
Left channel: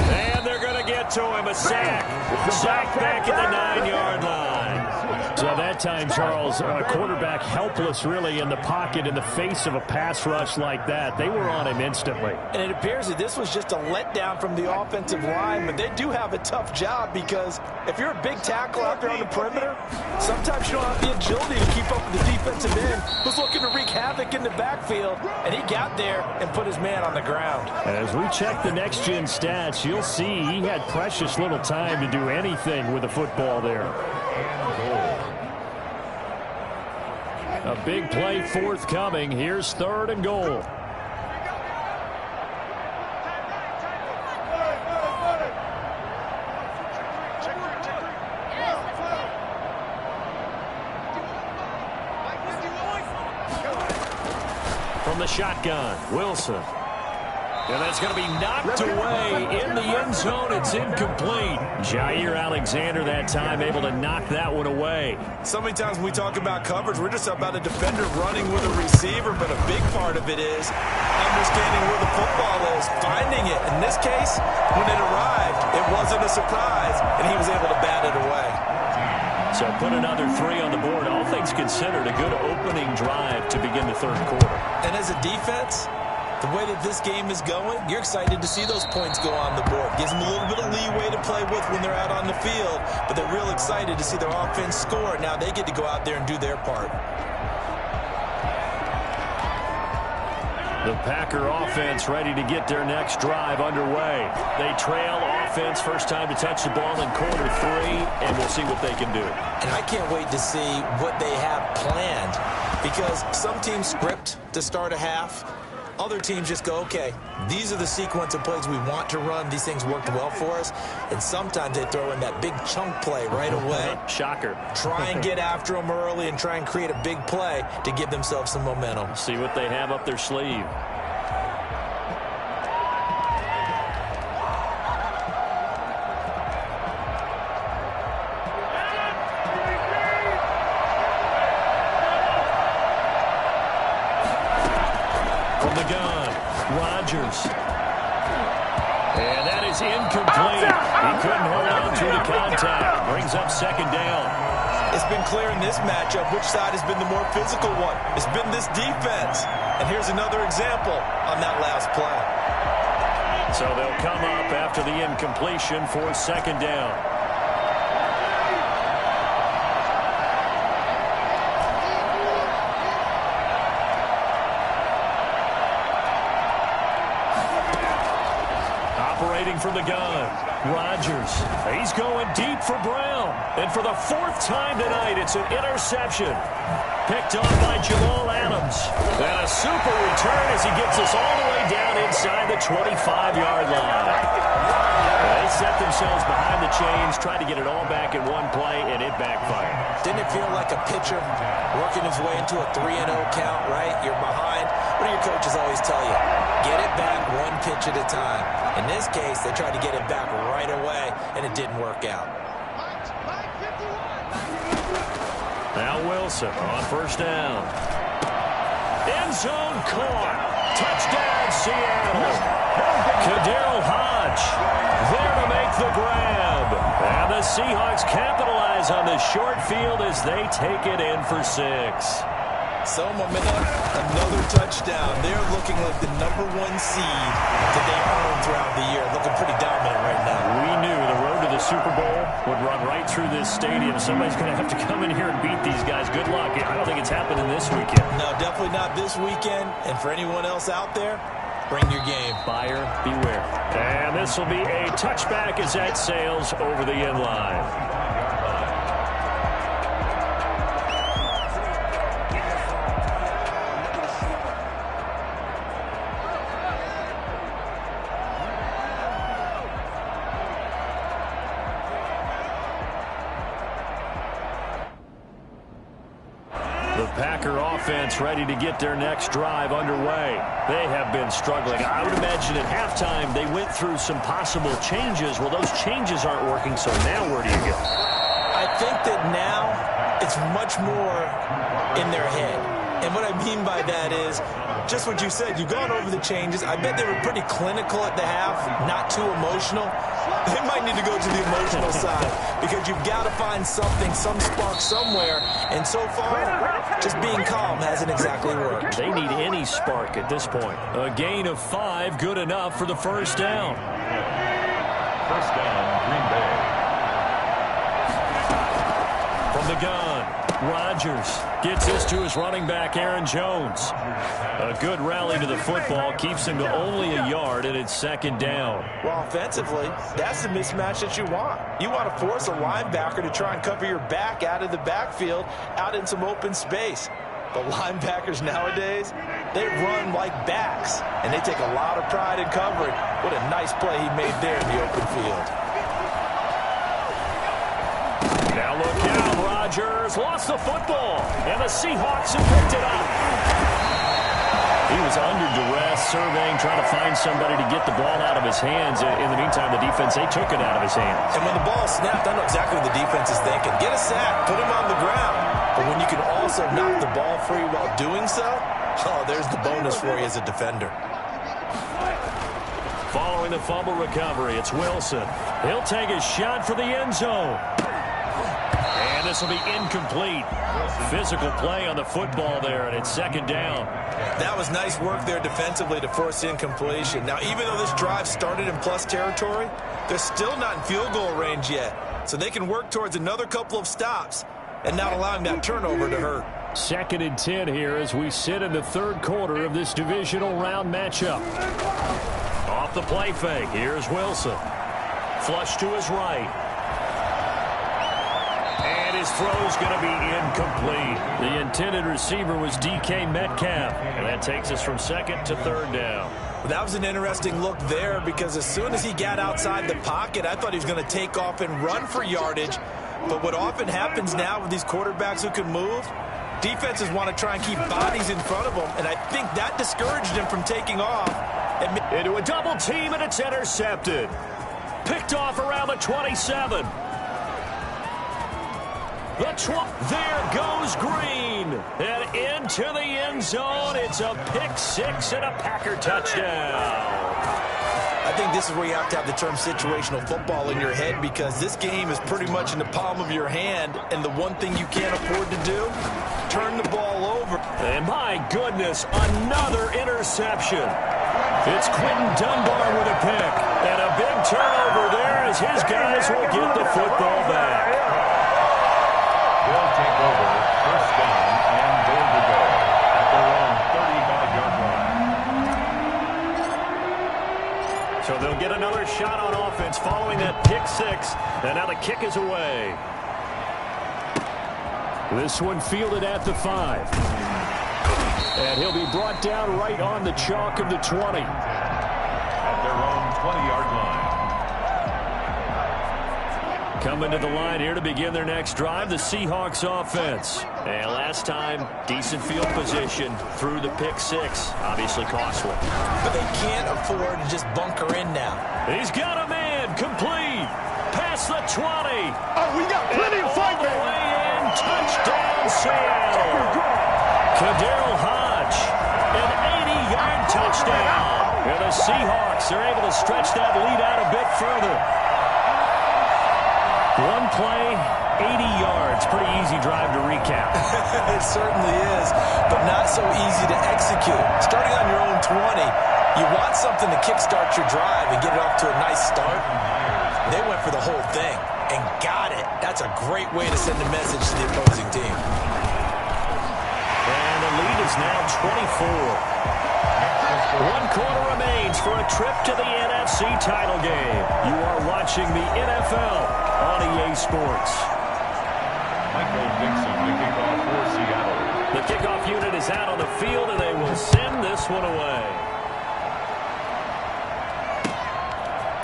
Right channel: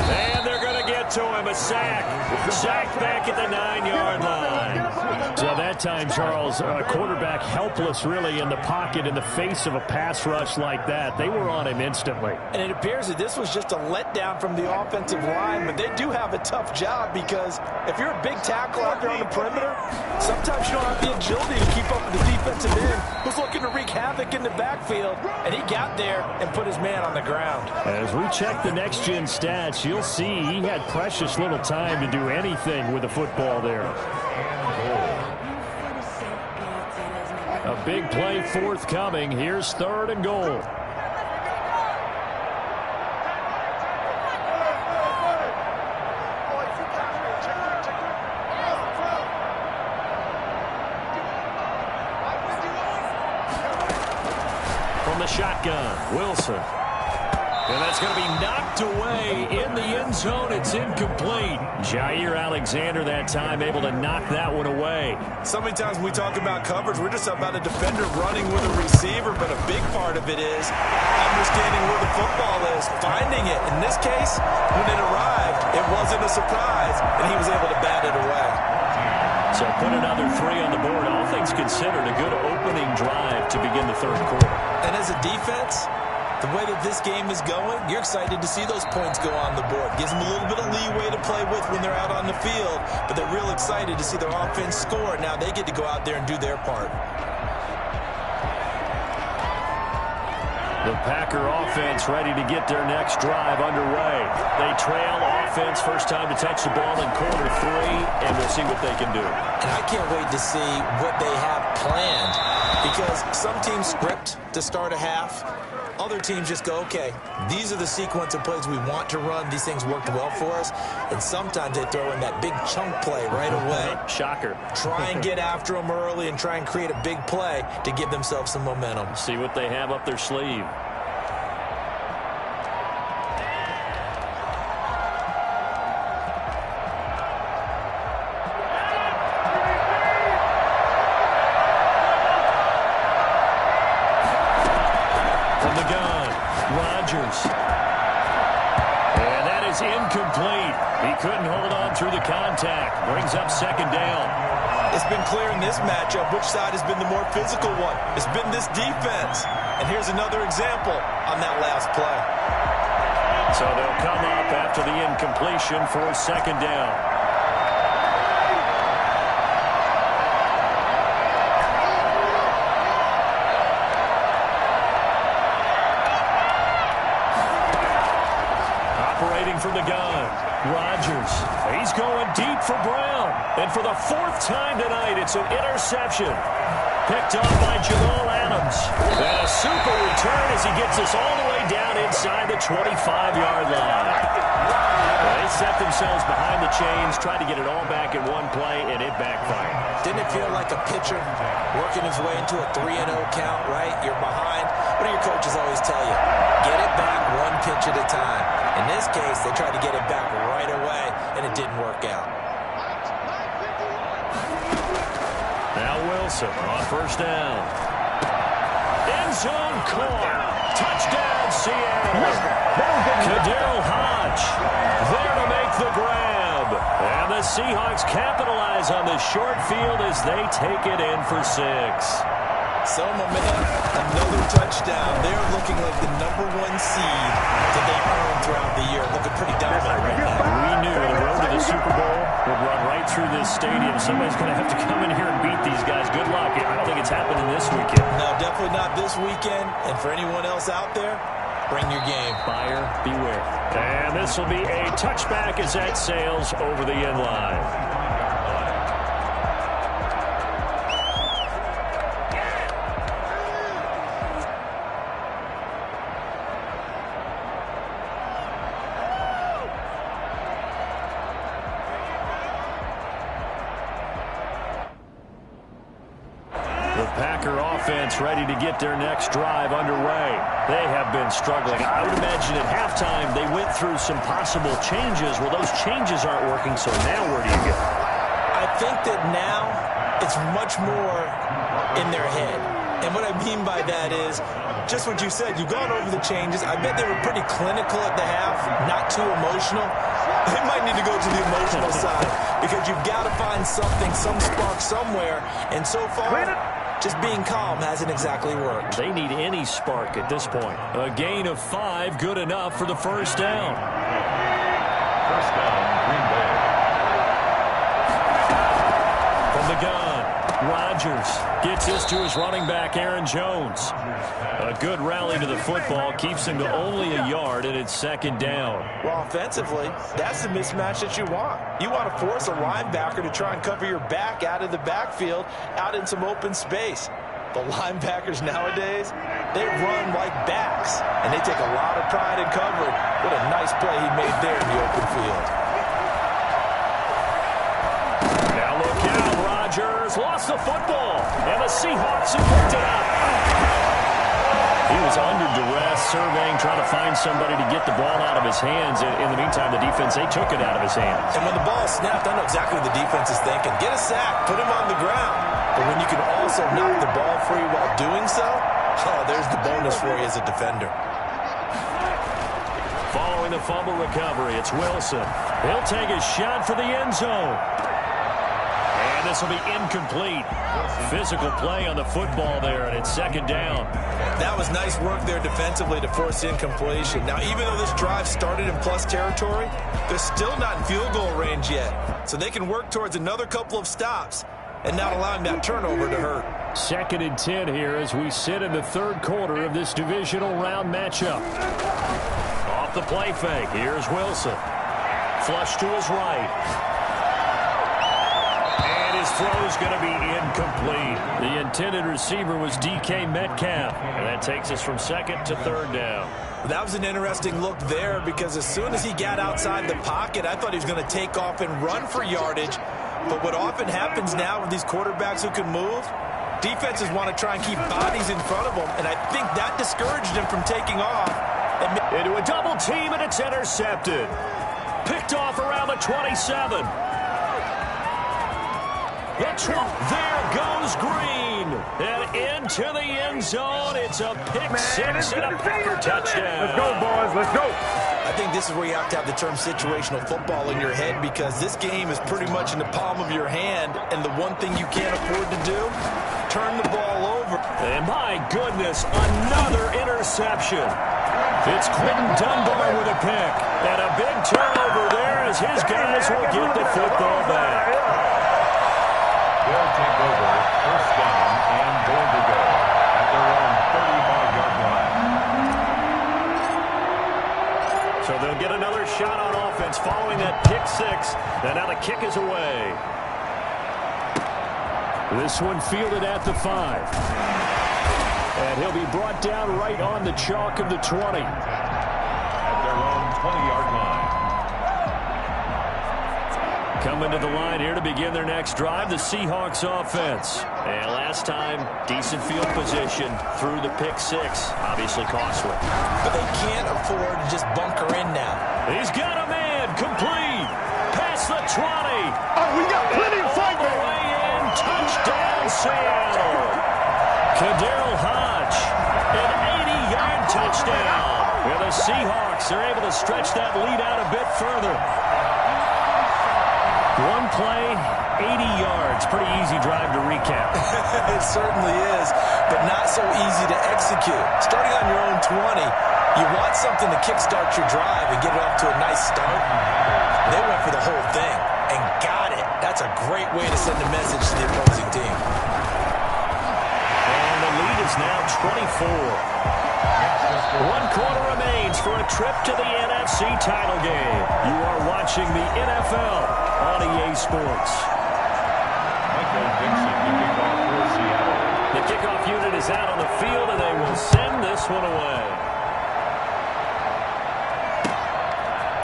And they're going to get to him. A sack. Sack back at the 9-yard line. So that time, Charles, a quarterback helpless really in the pocket in the face of a pass rush like that. They were on him instantly. And it appears that this was just a letdown from the offensive line, but they do have a tough job because if you're a big tackle out there on the perimeter, sometimes you don't have the agility to keep up with the defensive end who's looking to wreak havoc in the backfield, and he got there and put his man on the ground. As we check the next-gen stats, you'll see he had precious little time to do anything with the football there. A big play forthcoming. Here's 3rd and goal. From the shotgun, Wilson. And that's going to be knocked away in the end zone. It's incomplete. Jair Alexander that time able to knock that one away. So many times when we talk about coverage, we're just about a defender running with a receiver, but a big part of it is understanding where the football is, finding it. In this case, when it arrived, it wasn't a surprise, and he was able to bat it away. So put another 3 on the board. All things considered, a good opening drive to begin the 3rd quarter. And as a defense, the way that this game is going, you're excited to see those points go on the board. Gives them a little bit of leeway to play with when they're out on the field, but they're real excited to see their offense score. Now they get to go out there and do their part. The Packer offense ready to get their next drive underway. They trail offense, first time to touch the ball in quarter 3, and we'll see what they can do. And I can't wait to see what they have planned, because some teams script to start a half. Other teams just go, okay, these are the sequence of plays we want to run. These things worked well for us. And sometimes they throw in that big chunk play right away. Shocker. Try and get after them early and try and create a big play to give themselves some momentum. See what they have up their sleeve. And that is incomplete. He couldn't hold on through the contact. Brings up second down. It's been clear in this matchup which side has been the more physical one. It's been this defense. And here's another example on that last play. So they'll come up after the incompletion for second down. Operating from the gun, Rodgers. He's going deep for Brown. And for the fourth time tonight, it's an interception. Picked off by Jamal Adams. And a super return as he gets us all the way down inside the 25-yard line. They set themselves behind the chains, tried to get it all back in one play, and it backfired. Didn't it feel like a pitcher working his way into a 3-0 count, right? You're behind. What do your coaches always tell you? Get it back one pitch at a time. In this case, they tried to get it back right away, and it didn't work out. Now Wilson on first down. End zone caught. Touchdown, Seattle. KhaDarel Hodge there to make the grab. And the Seahawks capitalize on the short field as they take it in for 6. So, my man, another touchdown. They're looking like the #1 seed that they earned throughout the year. Looking pretty dominant right now. We knew the road to the Super Bowl would run right through this stadium. Somebody's going to have to come in here and beat these guys. Good luck. I don't think it's happening this weekend. No, definitely not this weekend. And for anyone else out there, bring your game. Buyer beware. And this will be a touchback as that sails over the end line. The Packer offense ready to get their next drive underway. They have been struggling. I would imagine at halftime they went through some possible changes. Well, those changes aren't working, so now where do you go? I think that now it's much more in their head. And what I mean by that is just what you said. You've gone over the changes. I bet they were pretty clinical at the half, not too emotional. They might need to go to the emotional side because you've got to find something, some spark somewhere. And so far, just being calm hasn't exactly worked. They need any spark at this point. A gain of 5, good enough for the first down. First down, Green Bay. From the gun, Rodgers gets this to his running back, Aaron Jones. A good rally to the football keeps him to only a yard, and it's second down. Well, offensively, that's the mismatch that you want. You want to force a linebacker to try and cover your back out of the backfield, out in some open space. The linebackers nowadays, they run like backs, and they take a lot of pride in covering. What a nice play he made there in the open field. Now look out, Rodgers lost the football, and the Seahawks have picked it up. He was under duress, surveying, trying to find somebody to get the ball out of his hands. In the meantime, the defense, they took it out of his hands. And when the ball snapped, I know exactly what the defense is thinking. Get a sack, put him on the ground. But when you can also knock the ball free while doing so, oh, there's the bonus for you as a defender. Following the fumble recovery, it's Wilson. He'll take a shot for the end zone. And this will be incomplete. Physical play on the football there, and it's second down. That was nice work there defensively to force incompletion. Now, even though this drive started in plus territory, they're still not in field goal range yet. So they can work towards another couple of stops and not allowing that turnover to hurt. 2nd and 10 here as we sit in the third quarter of this divisional round matchup. Off the play fake, here's Wilson. Flush to his right. his throw's going to be incomplete. The intended receiver was DK Metcalf, and that takes us from second to third down. That was an interesting look there because as soon as he got outside the pocket, I thought he was going to take off and run for yardage. But what often happens now with these quarterbacks who can move, defenses want to try and keep bodies in front of them, and I think that discouraged him from taking off. Into a double team, and it's intercepted. Picked off around the 27. There goes Green. And into the end zone. It's a pick six and a Packer touchdown. I think this is where you have to have the term situational football in your head because this game is pretty much in the palm of your hand, and the one thing you can't afford to do, turn the ball over. And my goodness, another interception. It's Quentin Dunbar with a pick. And a big turnover there as his guys will get the football back. They'll take over first down and goal to go at their own 35-yard line. So they'll get another shot on offense following that pick six. And now the kick is away. This one fielded at the 5. And he'll be brought down right on the chalk of the 20. At their own 20-yard line. Coming to the line here to begin their next drive, the Seahawks offense. And last time, decent field position through the pick six. Obviously costly. But they can't afford to just bunker in now. He's got a man complete. Past the 20. Oh, we got plenty of fight, all the way in. Touchdown, Seattle. Kaderl Hodge, an 80-yard touchdown. And the Seahawks are able to stretch that lead out a bit further. One play, 80 yards. Pretty easy drive to recap. It certainly is, but not so easy to execute. Starting on your own 20, you want something to kickstart your drive and get it off to a nice start. They went for the whole thing and got it. That's a great way to send a message to the opposing team. And the lead is now 24. 1 quarter remains for a trip to the NFC title game. You are watching the NFL on EA Sports. Michael Dixon to kick off for Seattle. The kickoff unit is out on the field, and they will send this one away.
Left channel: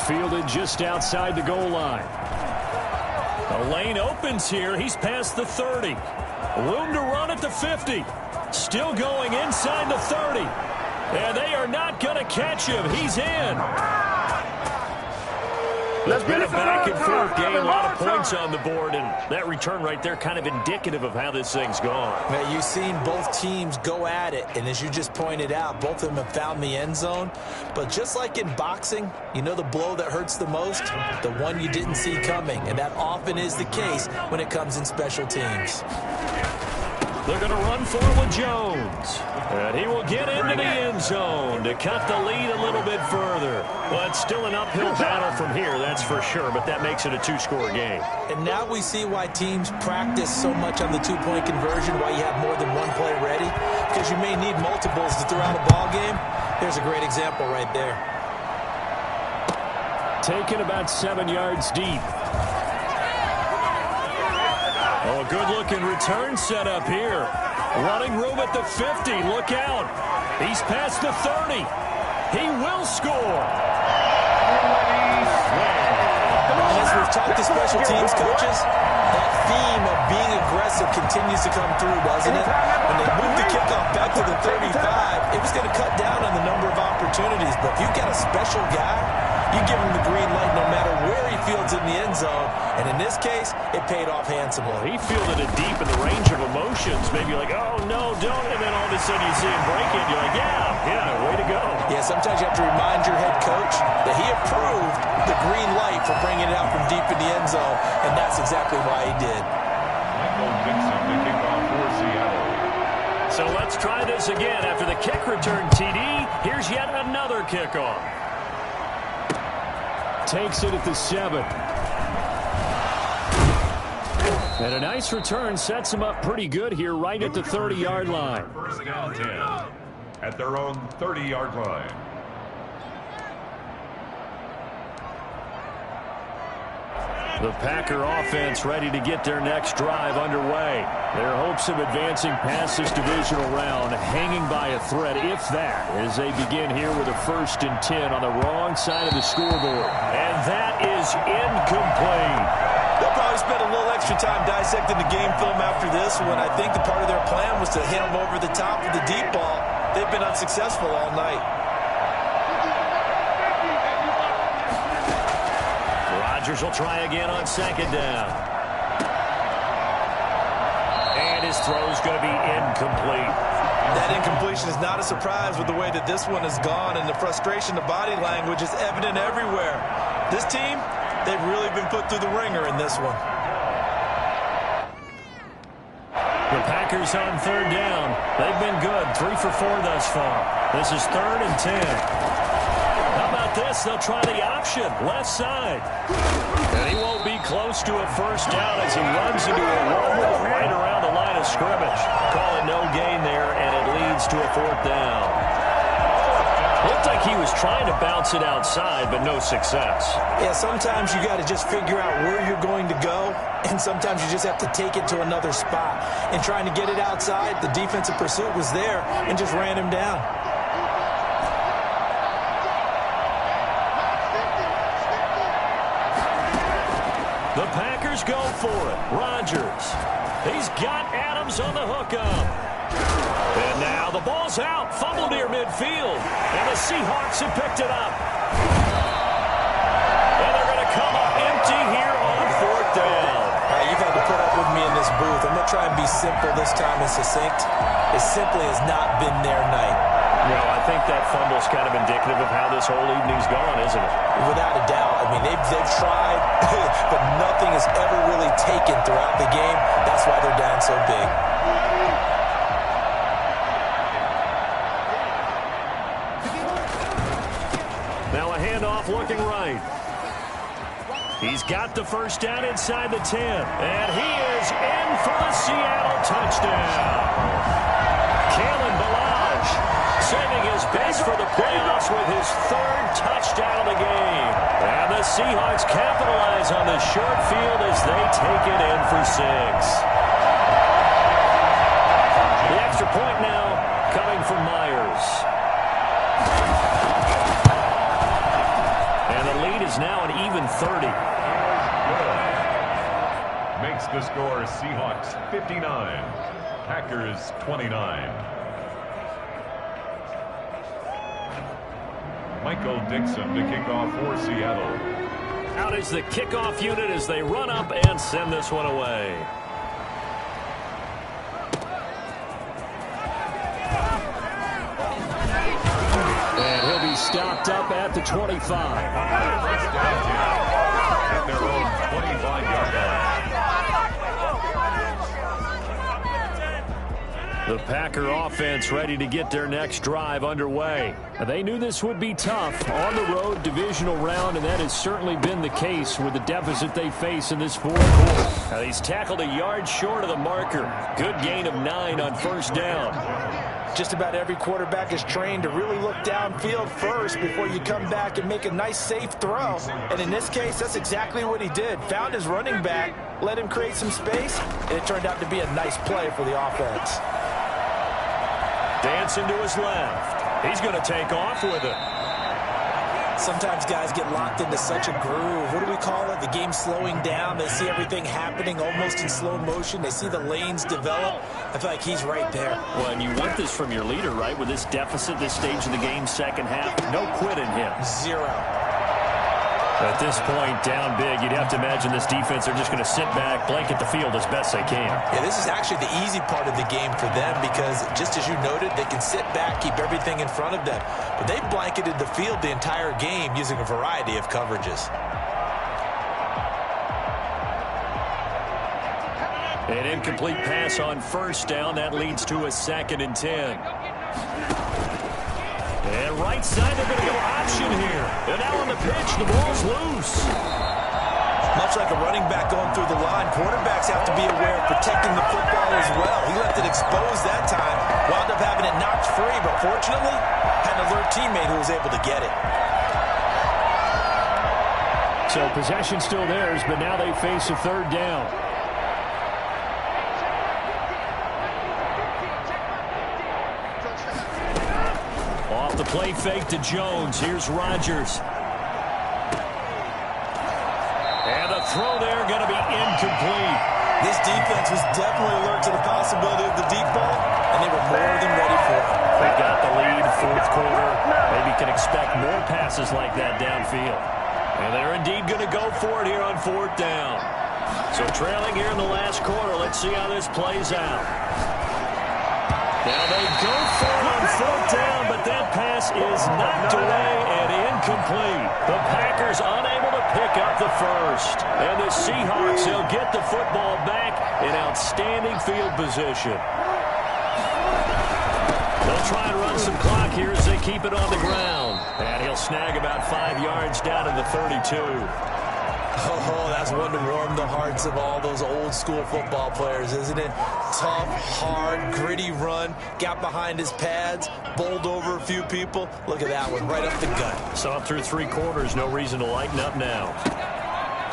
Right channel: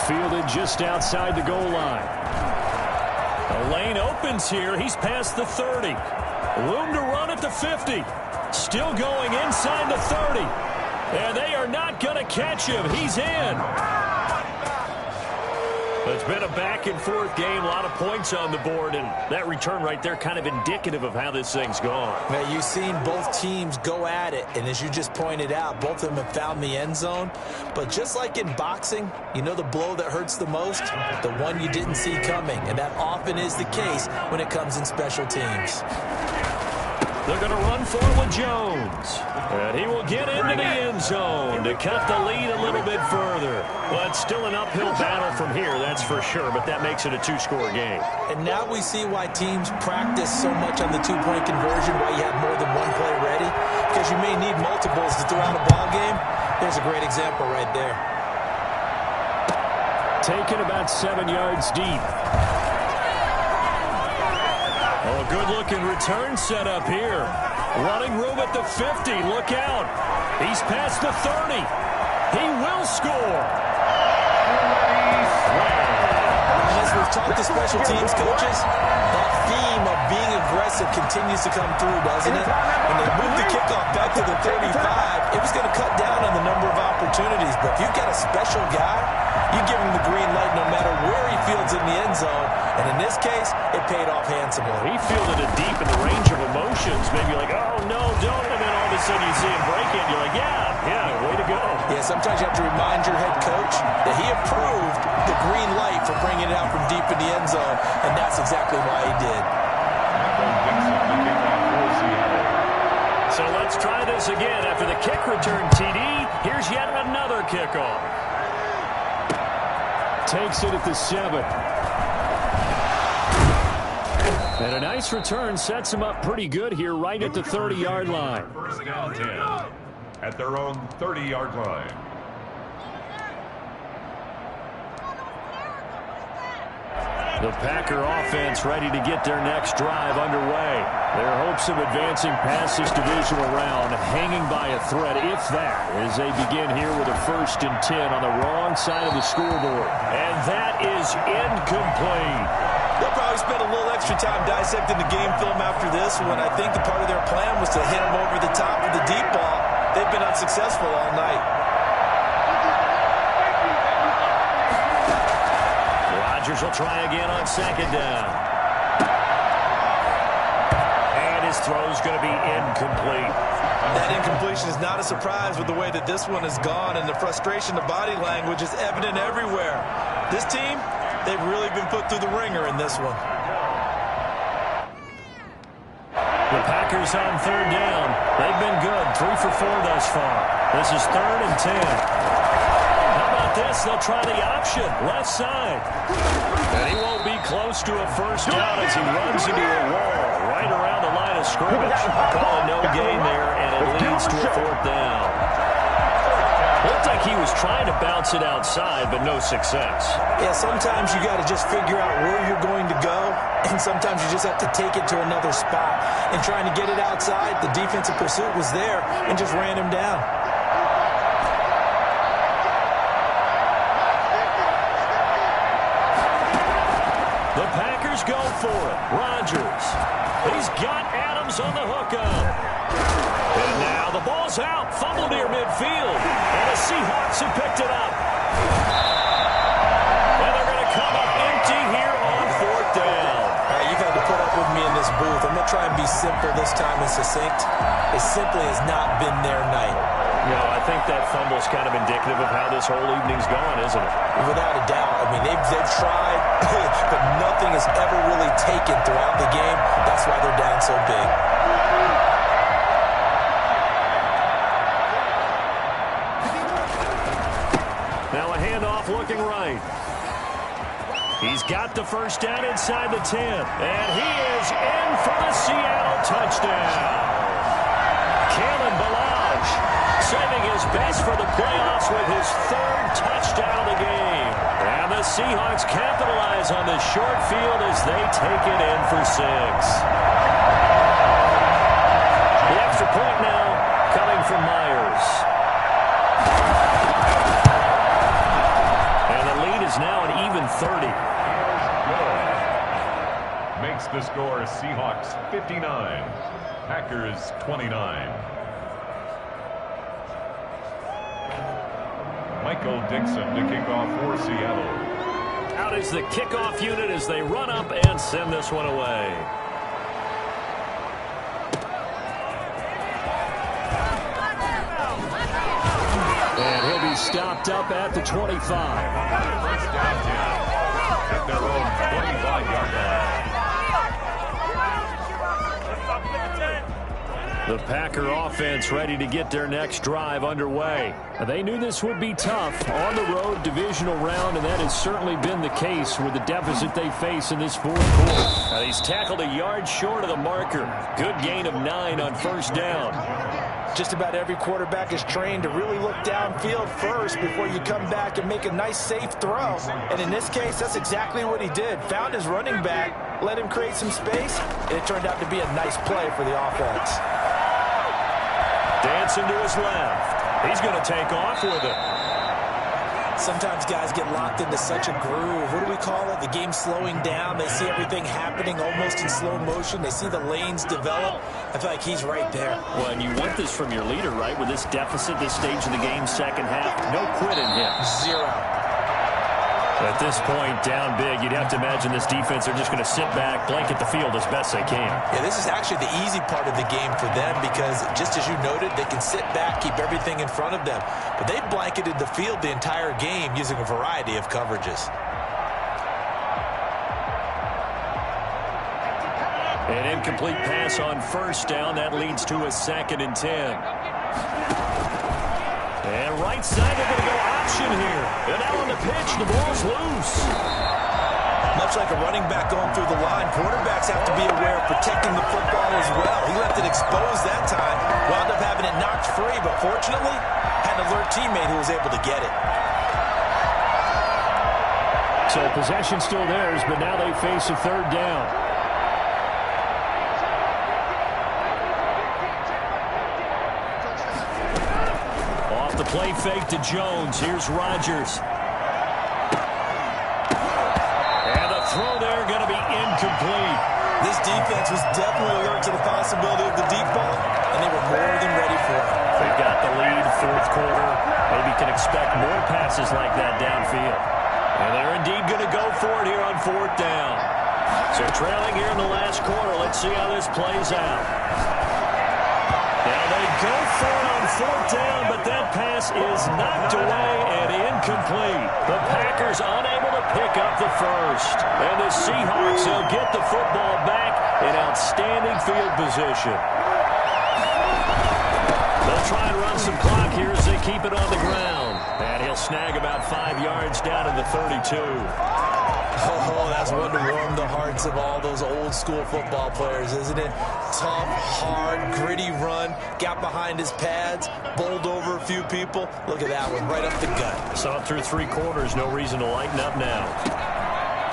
Fielded just outside the goal line. A lane opens here. He's past the 30. Room to run at the 50. Still going inside the 30. And they are not going to catch him. He's in. It's been a back-and-forth game. A lot of points on the board. And that return right there kind of indicative of how this thing's gone. Man, you've seen both teams go at it. And as you just pointed out, both of them have found the end zone. But just like in boxing, you know the blow that hurts the most? The one you didn't see coming. And that often is the case when it comes in special teams. They're going to run for it with Jones. And he will get into the end zone to cut the lead a little bit further. Well, it's still an uphill battle from here, that's for sure, but that makes it a two-score game. And now we see why teams practice so much on the two-point conversion, why you have more than one play ready, because you may need multiples to throw out a ball game. There's a great example right there. Taken about 7 yards deep. Oh, good-looking return set up here. Running room at the 50. Look out. He's past the 30. He will score. And as we've talked to special teams coaches, that theme of being aggressive continues to come through, doesn't it? When they moved the kickoff back to the 35, it was going to cut down on the number of opportunities. But if you've got a special guy, you give him the green light no matter where he fields in the end zone. And in this case, it paid off handsomely. He fielded it deep in the range of emotions. Maybe like, oh, no, don't. And then all of a sudden you see him break it. You're like, yeah, way to go. Yeah, sometimes you have to remind your head coach that he approved the green light for bringing it out from deep in the end zone. And that's exactly why he did. Michael Dixon to kick off for Seattle. So let's try this again. After the kick return TD, here's yet another kickoff. Takes it at the 7. And a nice return sets him up pretty good here right at the 30-yard line. First down 10 at their own 30-yard line. The Packer offense ready to get their next drive underway. Their hopes of advancing past this divisional round hanging by a thread, if that, as they begin here with a 1st and 10 on the wrong side of the scoreboard. And that is incomplete. They'll probably spend a little extra time dissecting the game film after this one. I think the part of their plan was to hit them over the top with the deep ball. They've been unsuccessful all night. Rodgers will try again on 2nd down. And his throw's going to be incomplete. That incompletion is not a surprise with the way that this one has gone, and the frustration, the body language is evident everywhere. This team, they've really been put through the ringer in this one. The Packers on 3rd down. They've been good, 3 for 4 thus far. This is 3rd and 10. How about this? They'll try the option, left side. And he won't be close to a 1st down as he runs into a wall right around the line of scrimmage. Call it no gain there, and it leads to a 4th down. Looked like he was trying to bounce it outside, but no success. Yeah, sometimes you got to just figure out where you're going to go, and sometimes you just have to take it to another spot. And trying to get it outside, the defensive pursuit was there and just ran him down. The Packers go for it. Rodgers. He's got Adams on the hookup. And now the ball's out. Fumble near midfield. And the Seahawks have picked it up. And they're going to come up empty here on 4th down. You've had to put up with me in this booth. I'm going to try and be simple this time and succinct. It simply has not been their night. No, I think that fumble's kind of indicative of how this whole evening's gone, isn't it? Without a doubt. I mean, they've tried, but nothing is ever really taken throughout the game. That's why they're down so big. Now a handoff looking right. He's got the 1st down inside the 10. And he is in for the Seattle touchdown. Kalen Ballage saving his best for the playoffs with his 3rd touchdown of the game. And the Seahawks capitalize on the short field as they take it in for 6. The extra point now coming from Myers. And the lead is now an even 30. Good. Makes the score Seahawks 59, Packers 29. Michael Dixon to kick off for Seattle. Out is the kickoff unit as they run up and send this one away. And he'll be stopped up at the 25. First down, at their own 25-yard line. The Packer offense ready to get their next drive underway. They knew this would be tough on the road divisional round, and that has certainly been the case with the deficit they face in this 4th quarter. Now, he's tackled a yard short of the marker. Good gain of 9 on 1st down. Just about every quarterback is trained to really look downfield first before you come back and make a nice, safe throw. And in this case, that's exactly what he did. Found his running back, let him create some space, and it turned out to be a nice play for the offense. Dancing to his left. He's going to take off with it. Sometimes guys get locked into such a groove. What do we call it? The game's slowing down. They see everything happening almost in slow motion. They see the lanes develop. I feel like he's right there. Well, and you want this from your leader, right? With this deficit, this stage of the game, 2nd half, no quit in him. 0. At this point, down big, you'd have to imagine this defense are just going to sit back, blanket the field as best they can. Yeah, this is actually the easy part of the game for them because, just as you noted, they can sit back, keep everything in front of them. But they've blanketed the field the entire game using a variety of coverages. An incomplete pass on 1st down. That leads to a 2nd and 10. And right side, they're going to go option here. And now on the pitch, the ball's loose. Much like a running back going through the line, quarterbacks have to be aware of protecting the football as well. He left it exposed that time, wound up having it knocked free, but fortunately, had an alert teammate who was able to get it. So possession still theirs, but now they face a third down. Off the play fake to Jones. Here's Rodgers. And the throw there going to be incomplete. This defense was definitely alert to the possibility of the deep ball, and they were more than ready for it. They've got the lead, fourth quarter. Maybe can expect more passes like that downfield. And they're indeed going to go for it here on fourth down. So trailing here in the last quarter. Let's see how this plays out. Now they go for it on fourth down, but that pass is knocked away and incomplete. The Packers unable to pick up the first. And the Seahawks, they'll get the football back in outstanding field position. They'll try and run some clock here as they keep it on the ground. And he'll snag about 5 yards down in the 32. Oh, that's one to warm the hearts of all those old-school football players, isn't it? Tough, hard, gritty run, got behind his pads, bowled over a few people. Look at that one, right up the gut. Saw it through 3 quarters, no reason to lighten up now.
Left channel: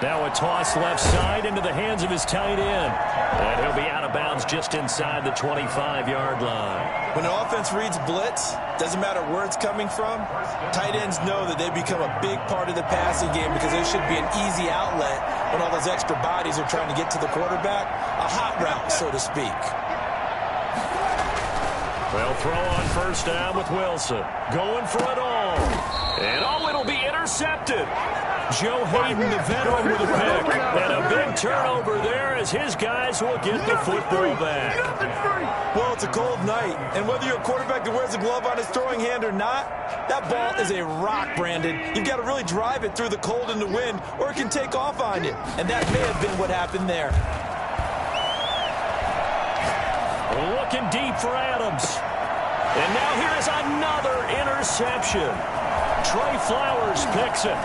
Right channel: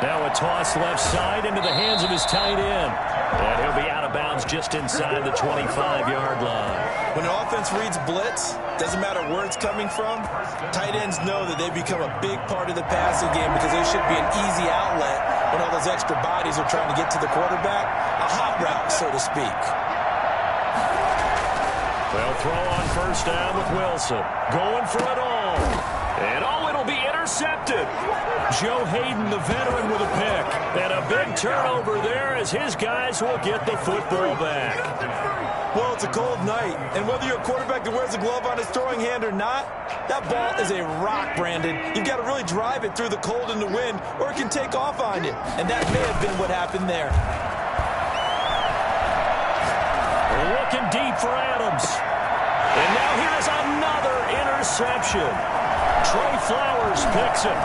Now a toss left side into the hands of his tight end. And he'll be out of bounds just inside the 25-yard line. When the offense reads blitz, doesn't matter where it's coming from, tight ends know that they become a big part of the passing game because they should be an easy outlet when all those extra bodies are trying to get to the quarterback. A hot route, so to speak. They'll throw on first down with Wilson. Going for it all. And it'll be intercepted. Joe Hayden, the veteran, with a pick. And a big turnover there as his guys will get the football back. Well, it's a cold night, and whether you're a quarterback that wears a glove on his throwing hand or not, that ball is a rock, Brandon. You've got to really drive it through the cold and the wind, or it can take off on you. And that may have been what happened there. Looking deep for Adams. And now here is another interception. Trey Flowers picks it.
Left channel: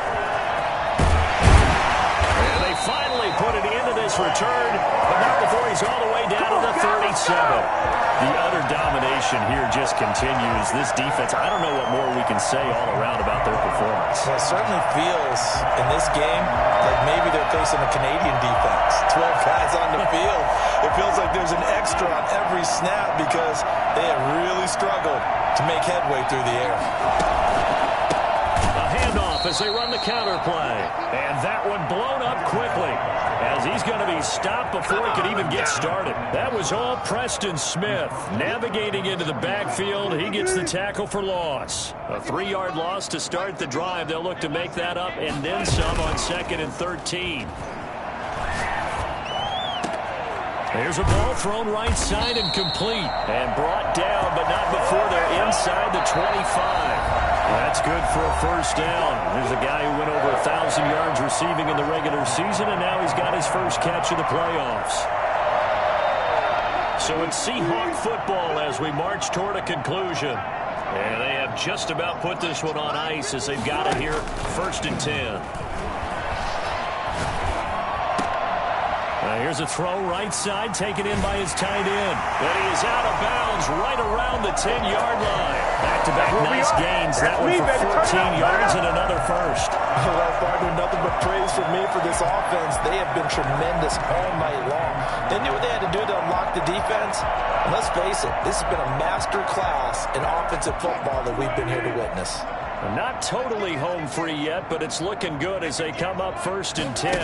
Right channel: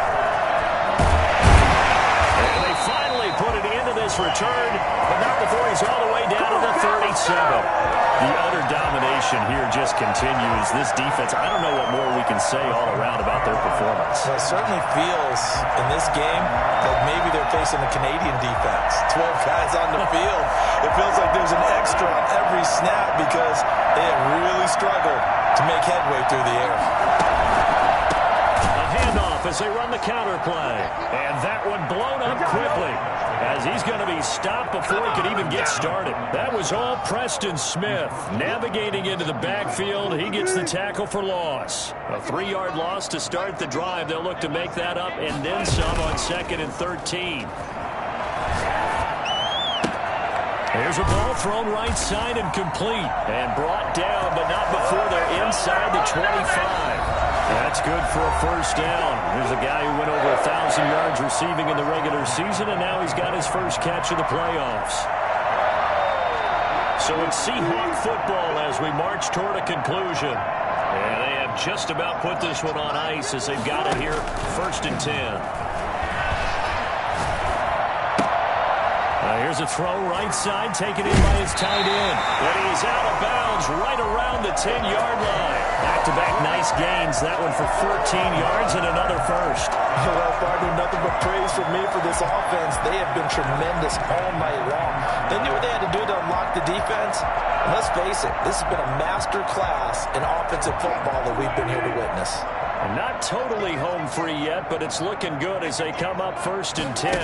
And they finally put it into this return, but not before he's all the way down to the 37. The utter domination here just continues. This defense, I don't know what more we can say all around about their performance. Well, it certainly feels in this game like maybe they're facing a Canadian defense. 12 guys on the field. It feels like there's an extra on every snap because they have really struggled to make headway through the air. Handoff as they run the counter play. And that one blown up quickly as he's going to be stopped before he could even get started. That was all Preston Smith. Navigating into the backfield, he gets the tackle for loss. A 3-yard loss to start the drive. They'll look to make that up and then some on 2nd and 13. There's a ball thrown right side and complete. And brought down, but not before they're inside the 25. That's good for a first down. There's a guy who went over 1,000 yards receiving in the regular season, and now he's got his first catch of the playoffs. So it's Seahawk football as we march toward a conclusion. And they have just about put this one on ice as they've got it here, 1st and 10. Here's a throw right side taken in by his tight end. But he is out of bounds right around the 10-yard line. Back-to-back nice gains. That one for 14 yards and another first. Well, partner, nothing but praise from me for this offense. They have been tremendous all night long. They knew what they had to do to unlock the defense. And let's face it, this has been a master class in offensive football that we've been here to witness. Not totally home free yet, but it's looking good as they come up 1st and 10.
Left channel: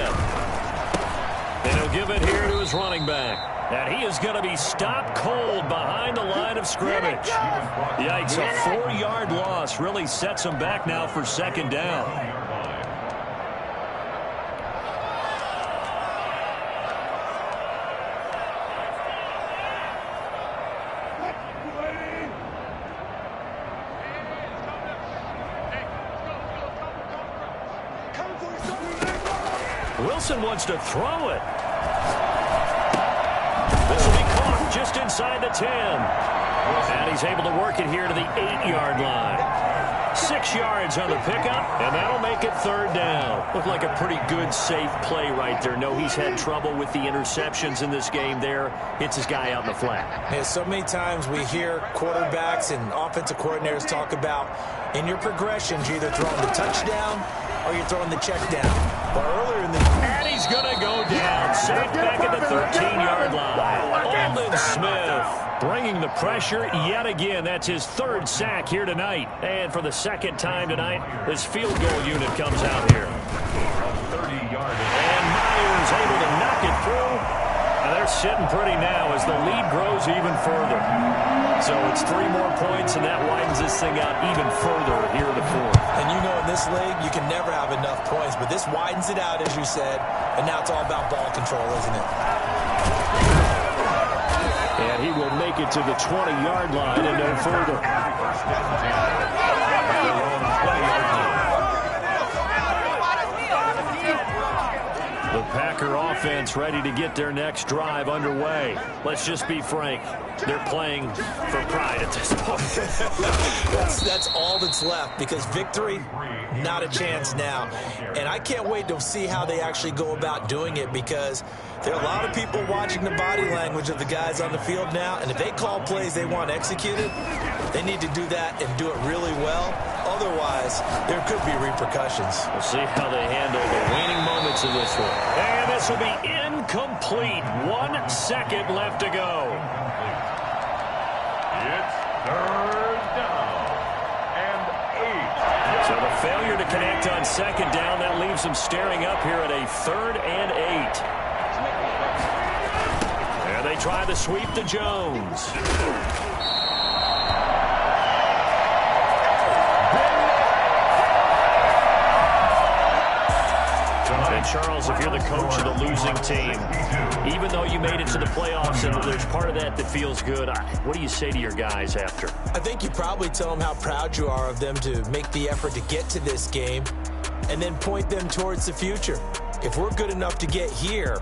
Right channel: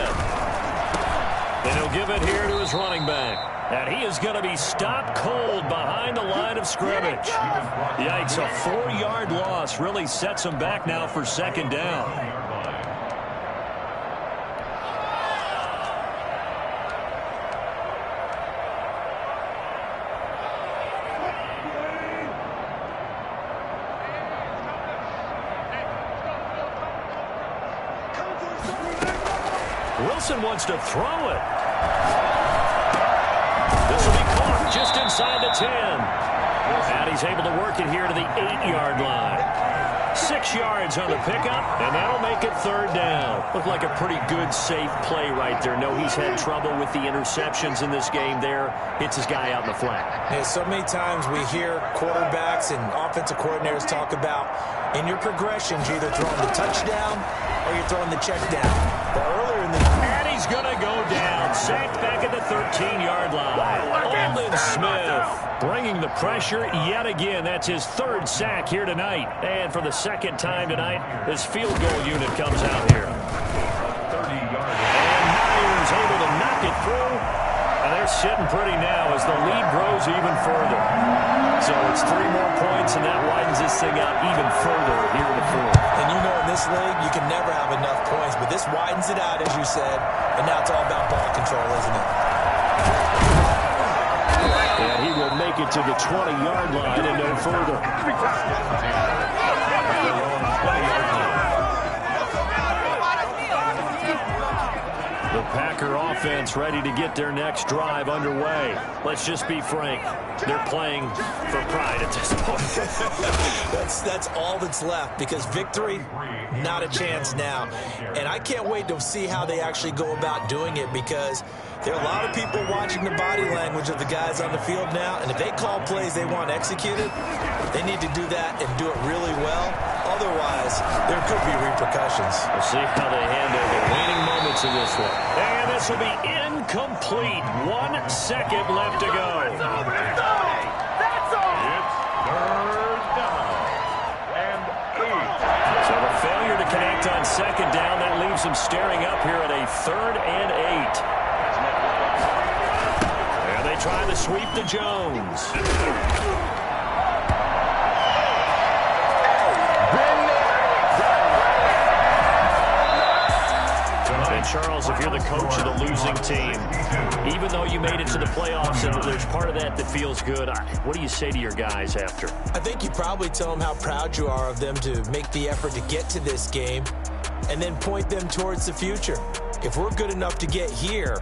And he'll give it here to his running back. And he is going to be stopped cold behind the line of scrimmage. Yikes, a 4-yard loss really sets him back now for 2nd down. Wilson wants to throw it. This will be caught just inside the 10. And he's able to work it here to the 8-yard line. 6 yards on the pickup, and that'll make it 3rd down. Looked like a pretty good, safe play right there. No, he's had trouble with the interceptions in this game there. Hits his guy out in the flat. Yeah, so many times we hear quarterbacks and offensive coordinators talk about in your progressions, you're either throwing the touchdown or you're throwing the check down. But earlier in the... And he's going to go down. Sacked back at the 13-yard line. Aldon Smith bringing the pressure yet again. That's his third sack here tonight. And for the second time tonight, his field goal unit comes out here. And Myers able to knock it through. And they're sitting pretty now as the lead grows even further. So it's 3 more points, and that widens this thing out even further here in the fourth. And you know, in this league, you can never have enough points, but this widens it out, as you said, and now it's all about ball control, isn't it? And he will make it to the 20-yard line and no further. The Packer offense ready to get their next drive underway. Let's just be frank. They're playing for pride at this point. That's all that's left, because victory, not a chance now. And I can't wait to see how they actually go about doing it, because there are a lot of people watching the body language of the guys on the field now, and if they call plays they want executed, they need to do that and do it really well. Otherwise, there could be repercussions. We'll see how they handle the waning moments of this one. And this will be incomplete. 1 second left to go. It's third down and 8. So the failure to connect on second down, that leaves them staring up here at a 3rd and 8. And they try the sweep to Jones. And Charles, if you're the coach of the losing team, even though you made it to the playoffs and there's part of that that feels good, what do you say to your guys after? I think you probably tell them how proud you are of them to make the effort to get to this game, and then point them towards the future. If we're good enough to get here,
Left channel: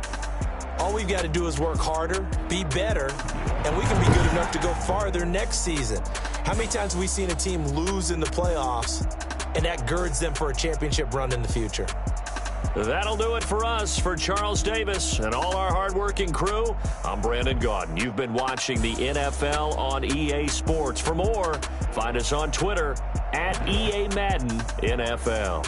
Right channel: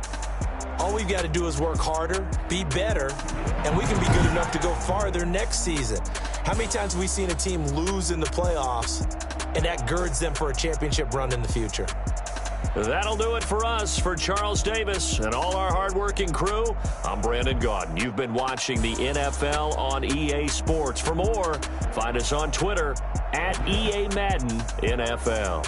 all we've got to do is work harder, be better, and we can be good enough to go farther next season. How many times have we seen a team lose in the playoffs, and that girds them for a championship run in the future? That'll do it for us. For Charles Davis and all our hardworking crew, I'm Brandon Gaudin. You've been watching the NFL on EA Sports. For more, find us on Twitter @EA Madden NFL.